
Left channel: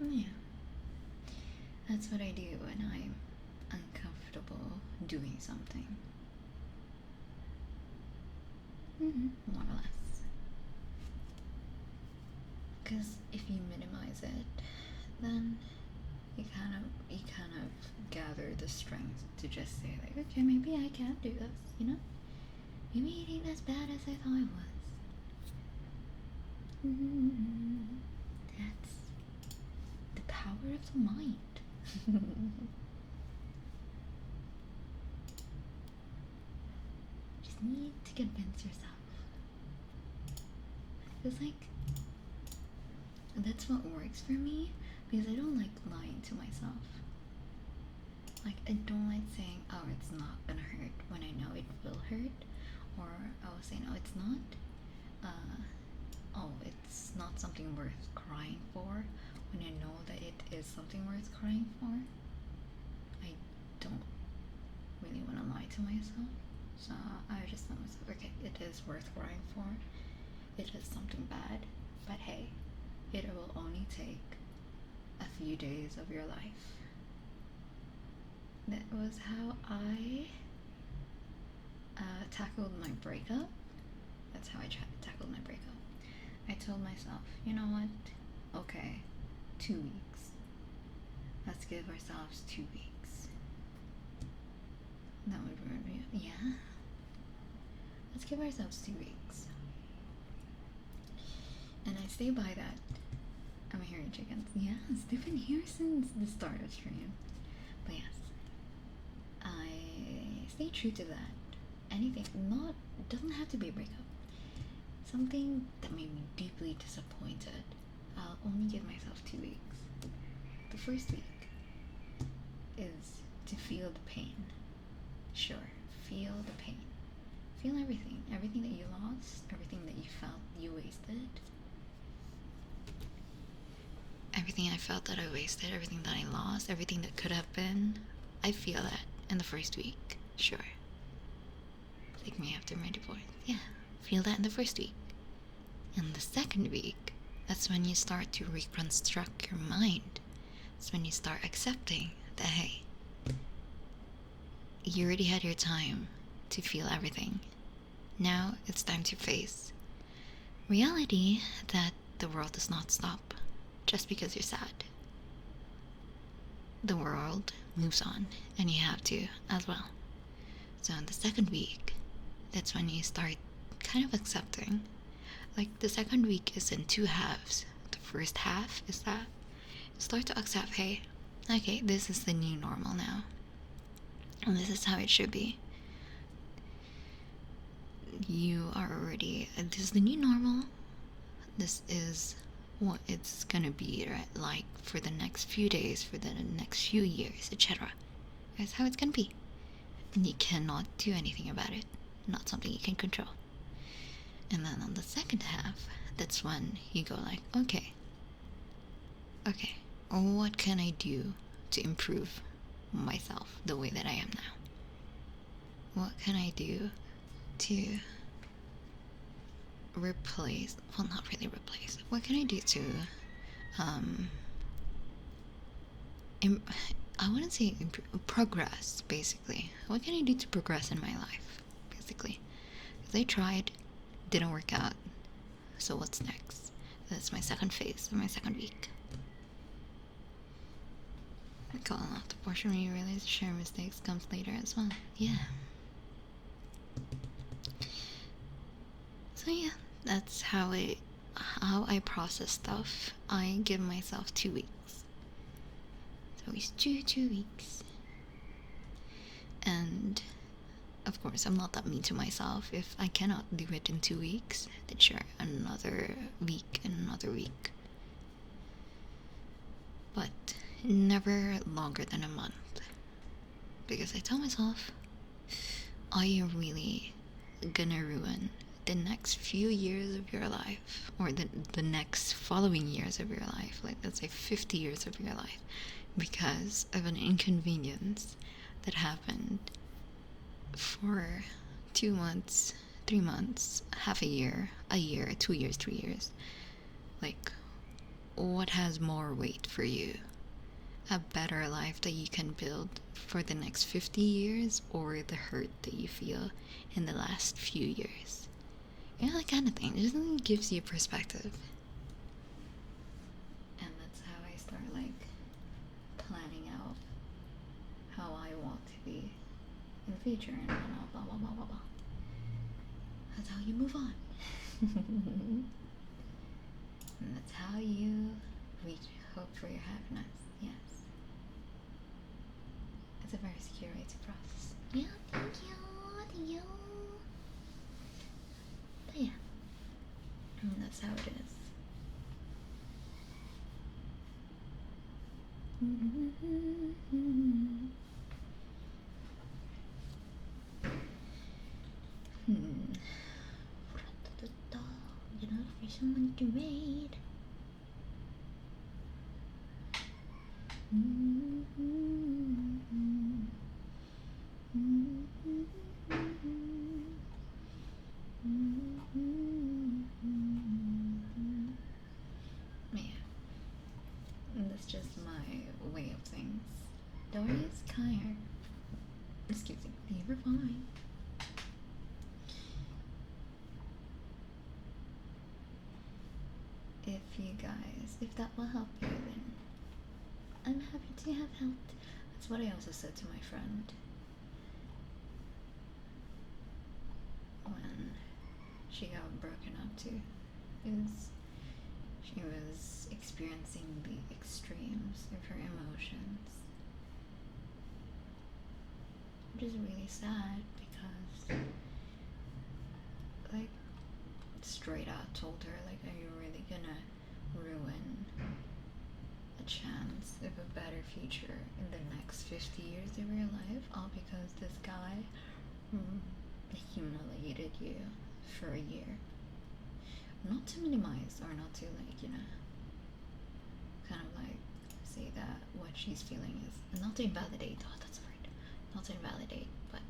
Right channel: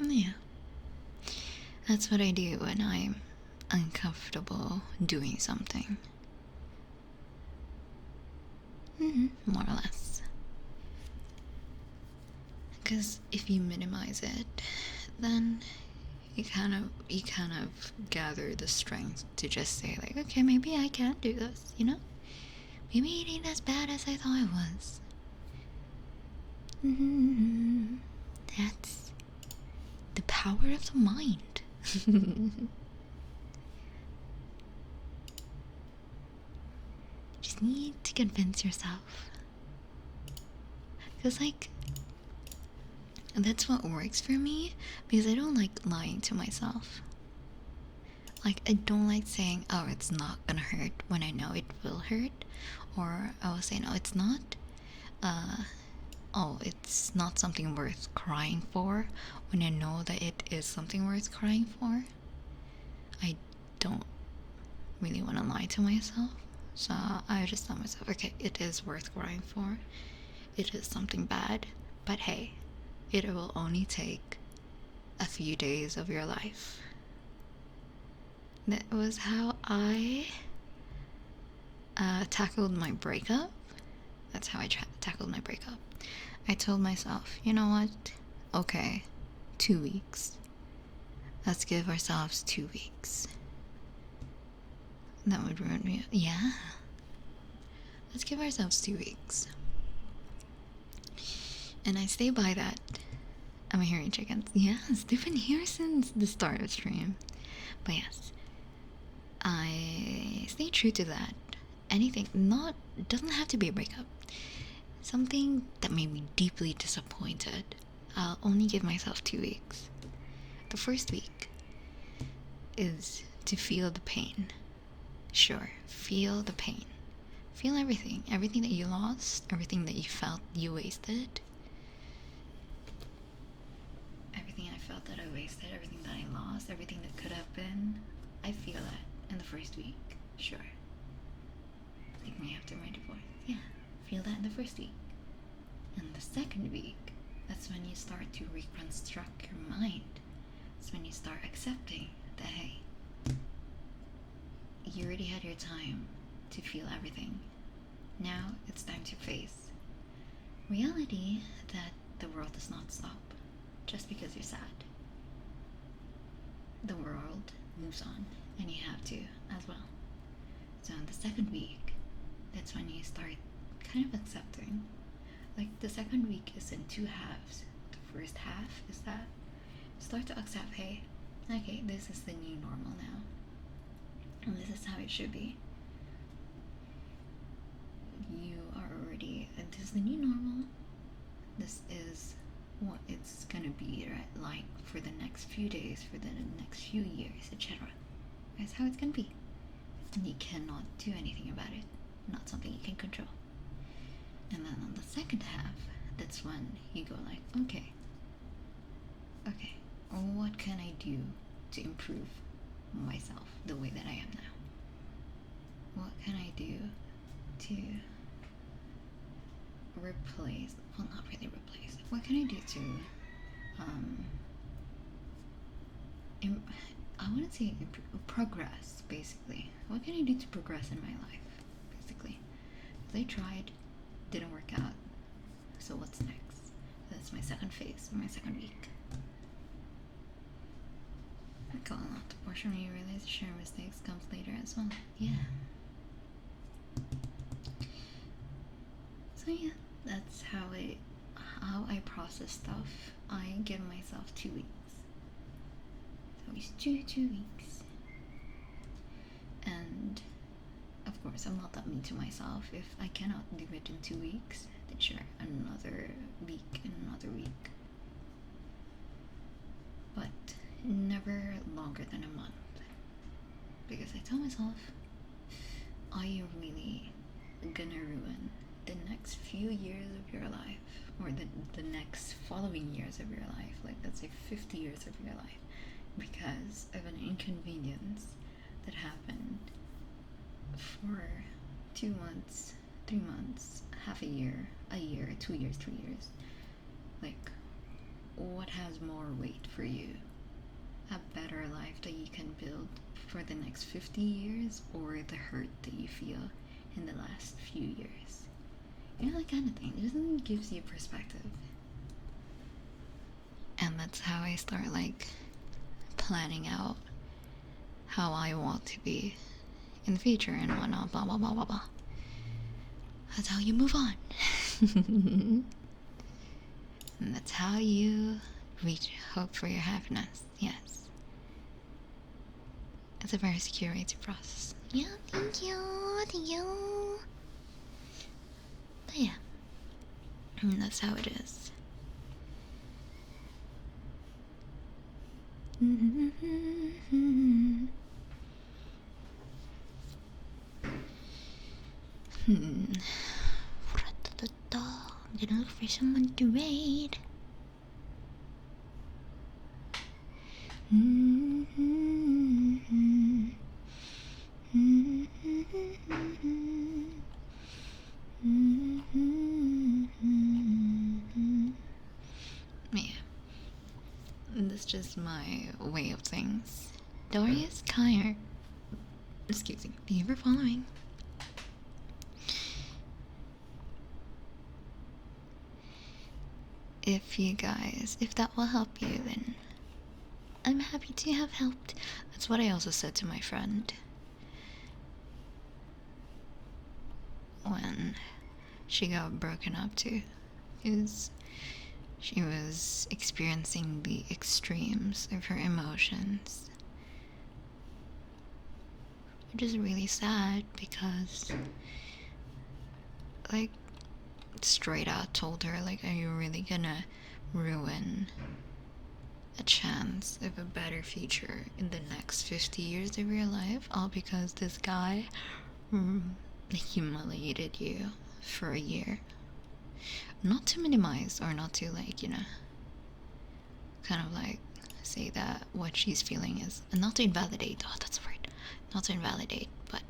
Yeah, that's what I do when I'm uncomfortable doing something. More or less. Because if you minimize it, then you kind of gather the strength to just say like, okay, maybe I can do this, you know? Maybe it ain't as bad as I thought it was. That's the power of the mind. Just need to convince yourself. Because, like, that's what works for me, because I don't like lying to myself. Like, I don't like saying, oh, it's not gonna hurt when I know it will hurt. Or I will say, no, it's not. Oh, it's not something worth crying for when I know that it is something worth crying for. I don't really want to lie to myself. So I just tell myself, okay, it is worth crying for. It is something bad, but hey, it will only take a few days of your life. That was how I tackled my breakup. That's how I tackled my breakup. I told myself, you know what? Okay, 2 weeks. Let's give ourselves 2 weeks. That would ruin me. Yeah. Let's give ourselves 2 weeks. And I stay by that. I'm hearing chickens. Yes, they've been here since the start of stream. But yes, I stay true to that. Anything, doesn't have to be a breakup. Something that made me deeply disappointed. I'll only give myself 2 weeks. The first week is to feel the pain. Sure, feel the pain. Feel everything. Everything that you lost, everything that you felt you wasted. Everything I felt that I wasted, everything that I lost, everything that could have been. I feel that in the first week. Sure. Take me after my divorce. Yeah. Feel that in the first week. In the second week, that's when you start to reconstruct your mind. It's when you start accepting that, hey, you already had your time to feel everything. Now it's time to face reality that the world does not stop just because you're sad. The world moves on, and you have to as well. So in the second week, that's when you start kind of accepting. Like, the second week is in 2 halves. The first half is that you start to accept, hey, okay, this is the new normal now, and this is how it should be. You are already, this is the new normal. This is what it's gonna be, right? Like, for the next few days, for the next few years, etc. That's how it's gonna be. And you cannot do anything about it. Not something you can control. And then on the second half, that's when you go like, okay, what can I do to improve myself the way that I am now? What can I do to replace, well, not really replace, what can I do to I wouldn't say progress, basically. What can I do to progress in my life, basically? Because I tried, didn't work out, so what's next? That's my second phase, my second week. I call out the portion where you realize share mistakes comes later as well. Yeah. So yeah, that's how I process stuff. I give myself 2 weeks. So it's 2 weeks. And of course, I'm not that mean to myself. If I cannot do it in 2 weeks, then sure, another week and another week. But never longer than a month. Because I tell myself, are you really gonna ruin the next few years of your life, or the next following years of your life, like let's say 50 years of your life, because of an inconvenience that happened for 2 months, 3 months, half a year, 2 years, 3 years? Like, what has more weight for you? A better life that you can build for the next 50 years, or the hurt that you feel in the last few years? You know, that kind of thing. It just gives you perspective. And that's how I start, like, planning out how I want to be in the future and whatnot, blah, blah, blah, blah, blah. That's how you move on. And that's how you reach hope for your happiness. Yes. It's a very secure way to process. Yeah, thank you. Thank you. But yeah. And that's how it is. I'm gonna look for someone to raid. Yeah. That's just my way of things. Darius Kyer. Excuse me. Thank you for following. If that will help you, then I'm happy to have helped. That's what I also said to my friend when she got broken up to, is she was experiencing the extremes of her emotions, which is really sad because, like, straight out told her, like, are you really gonna ruin a chance of a better future in the next 50 years of your life, all because this guy humiliated you for a year? Not to minimize, or not to, like, you know, kind of like say that what she's feeling is, and not to invalidate, oh, that's right, not to invalidate, but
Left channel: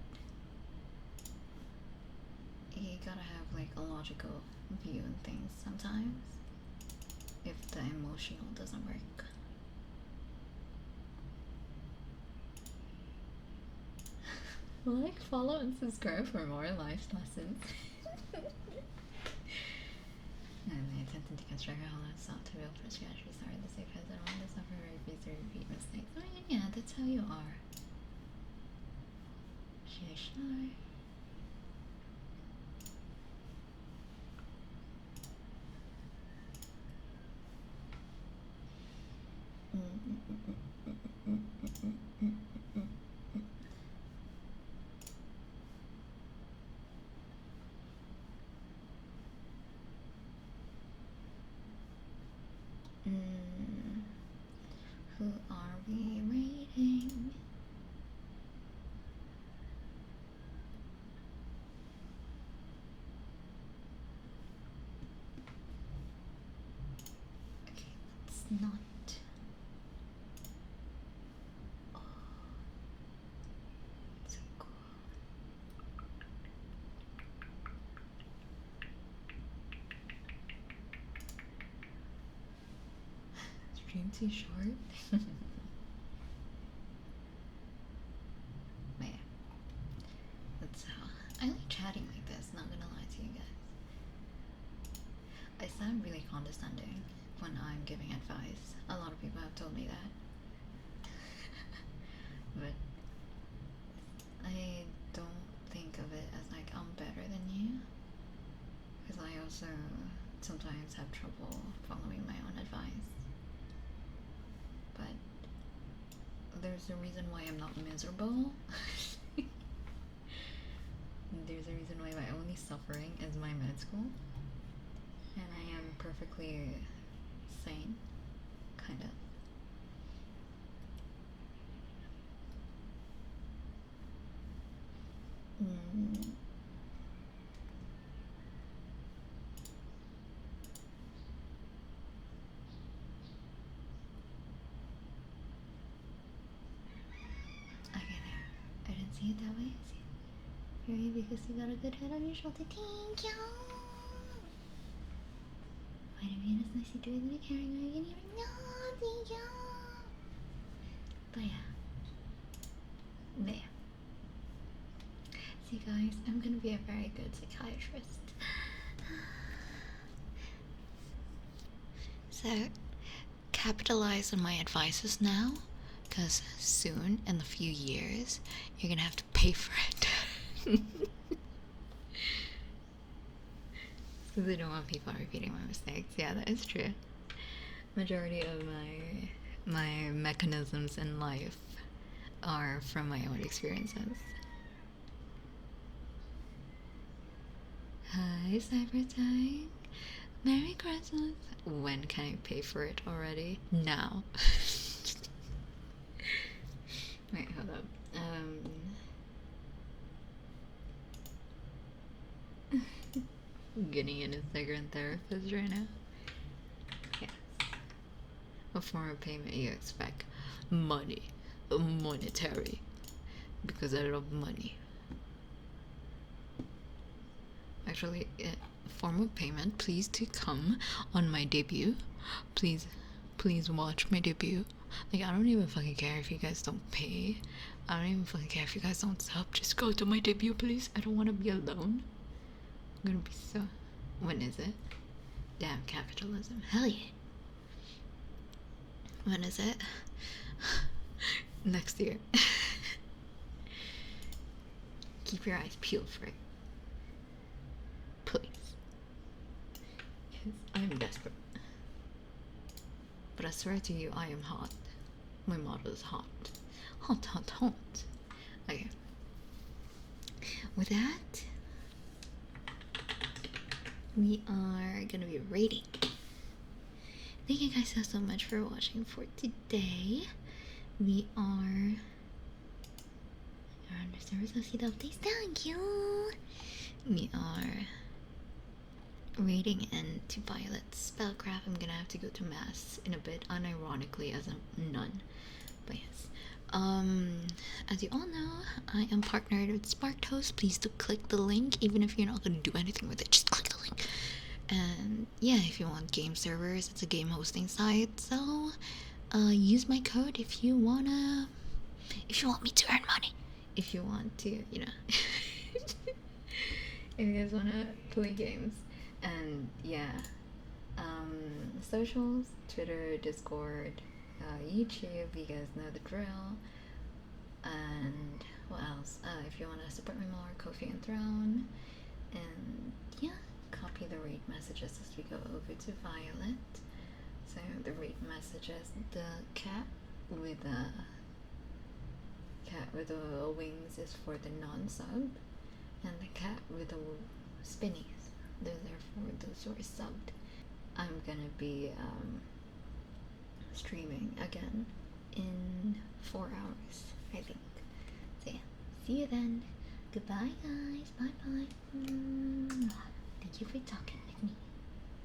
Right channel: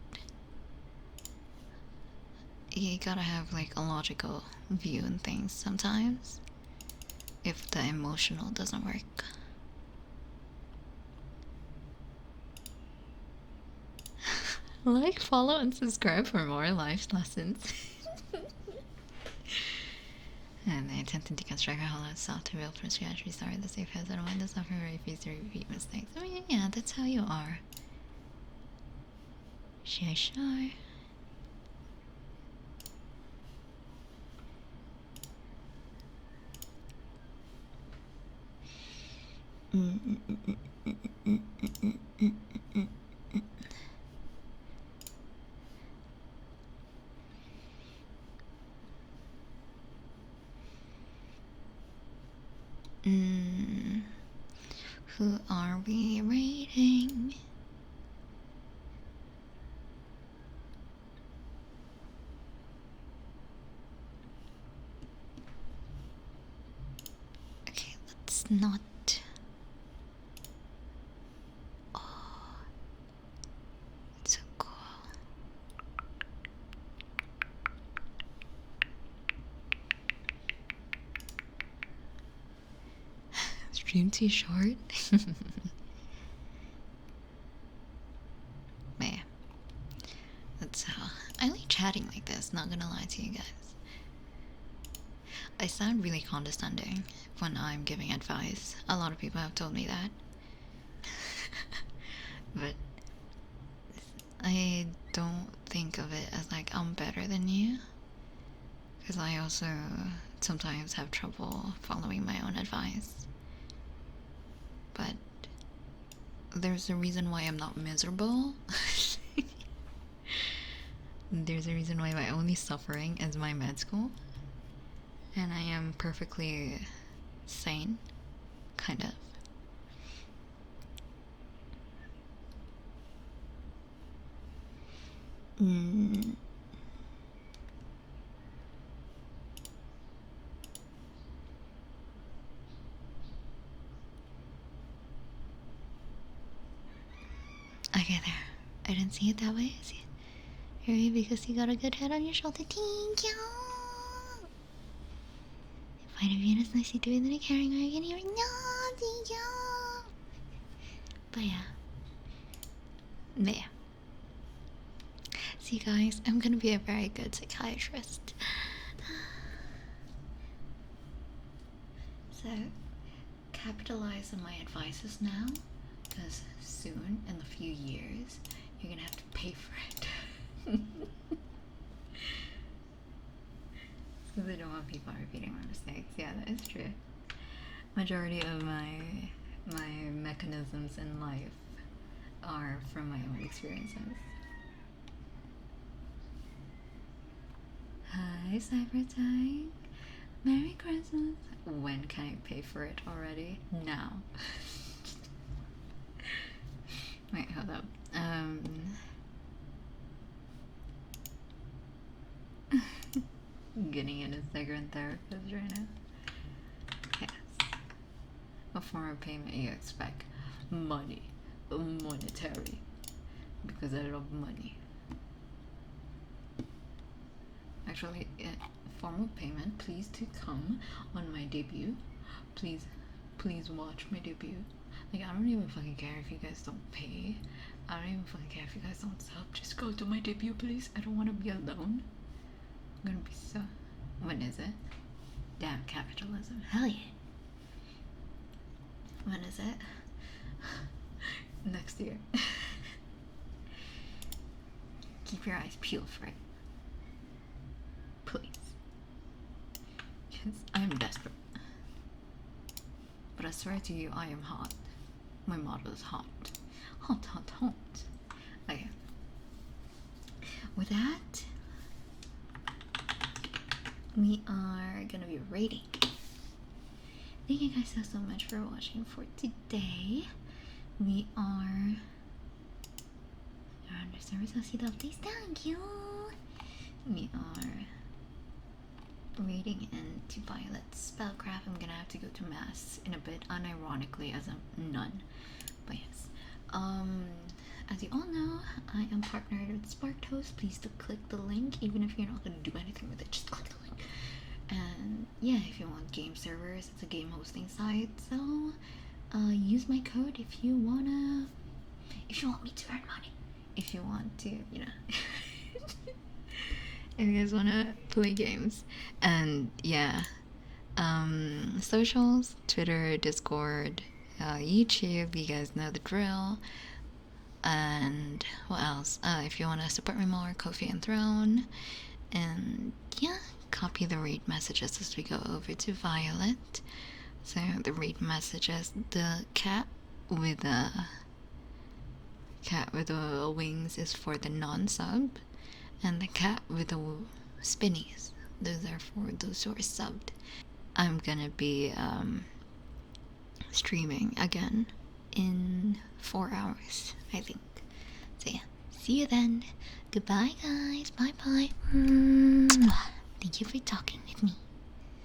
you gotta have, like, a logical view on things sometimes if the emotional doesn't work. Like, follow, and subscribe for more life lessons. And I attempt to deconstruct how that's out to build from scratch, restart the safe house, and when the software refuses to repeat mistakes. I mean, yeah, that's how you are. Sure. Who are we rating? Okay, let's not stream too short? Man, that's I like chatting like this, not gonna lie to you guys. I sound really condescending when I'm giving advice. A lot of people have told me that. But I don't think of it as like I'm better than you, because I also sometimes have trouble following my own advice. But there's a reason why I'm not miserable. There's a reason why my only suffering is my med school, and I am perfectly sane, kind of. Okay, there. I didn't see it that way. I see it. Harry, because you got a good head on your shoulder. Thank you. Fight of Venus, nicely doing that. Caring, are you gonna hear it? No, thank you. But yeah. Yeah. See, guys, I'm gonna be a very good psychiatrist. So, capitalize on my advices now, because soon, in a few years, you're gonna have to pay for it. Because I don't want people repeating my mistakes. Yeah, that is true. Majority of my mechanisms in life are from my own experiences. Hi, Cybertime. Merry Christmas. When can I pay for it already? Now. Wait, hold up. Getting in a second therapist right now. Yes. What form of payment you expect? Money. Monetary. Because I love money. Actually, form of payment, please to come on my debut. Please watch my debut. Like, I don't even fucking care if you guys don't pay. I don't even fucking care if you guys don't sub. Just go to my debut, please. I don't want to be alone. I'm gonna be so... When is it? Damn capitalism. Hell yeah. When is it? Next year. Keep your eyes peeled for it. Please. Because I am desperate. But I swear to you, I am hot. My motto is hot. Hot, hot, hot. Okay. With that, we are gonna be rating. Thank you guys so much for watching for today. We are around the service. I'll see the updates. Thank you. We are reading into Violet's spellcraft. I'm gonna have to go to mass in a bit, unironically as a nun. But yes. As you all know, I am partnered with SparkToast. Please do click the link, even if you're not gonna do anything with it. Just click the link. And yeah, if you want game servers, it's a game hosting site. So use my code if you want me to earn money. If you want to, you know. If you guys wanna play games. And yeah, socials, Twitter, Discord, YouTube, you guys know the drill. And what else? If you want to support me more, Ko-fi and Throne. And yeah, copy the rate messages as we go over to Violet. So the rate messages, the cat with the wings is for the non-sub, and the cat with the spinnies, those are for those who are subbed. I'm gonna be streaming again in 4 hours, I think. So yeah, see you then. Goodbye guys, bye bye. Thank you for talking with me.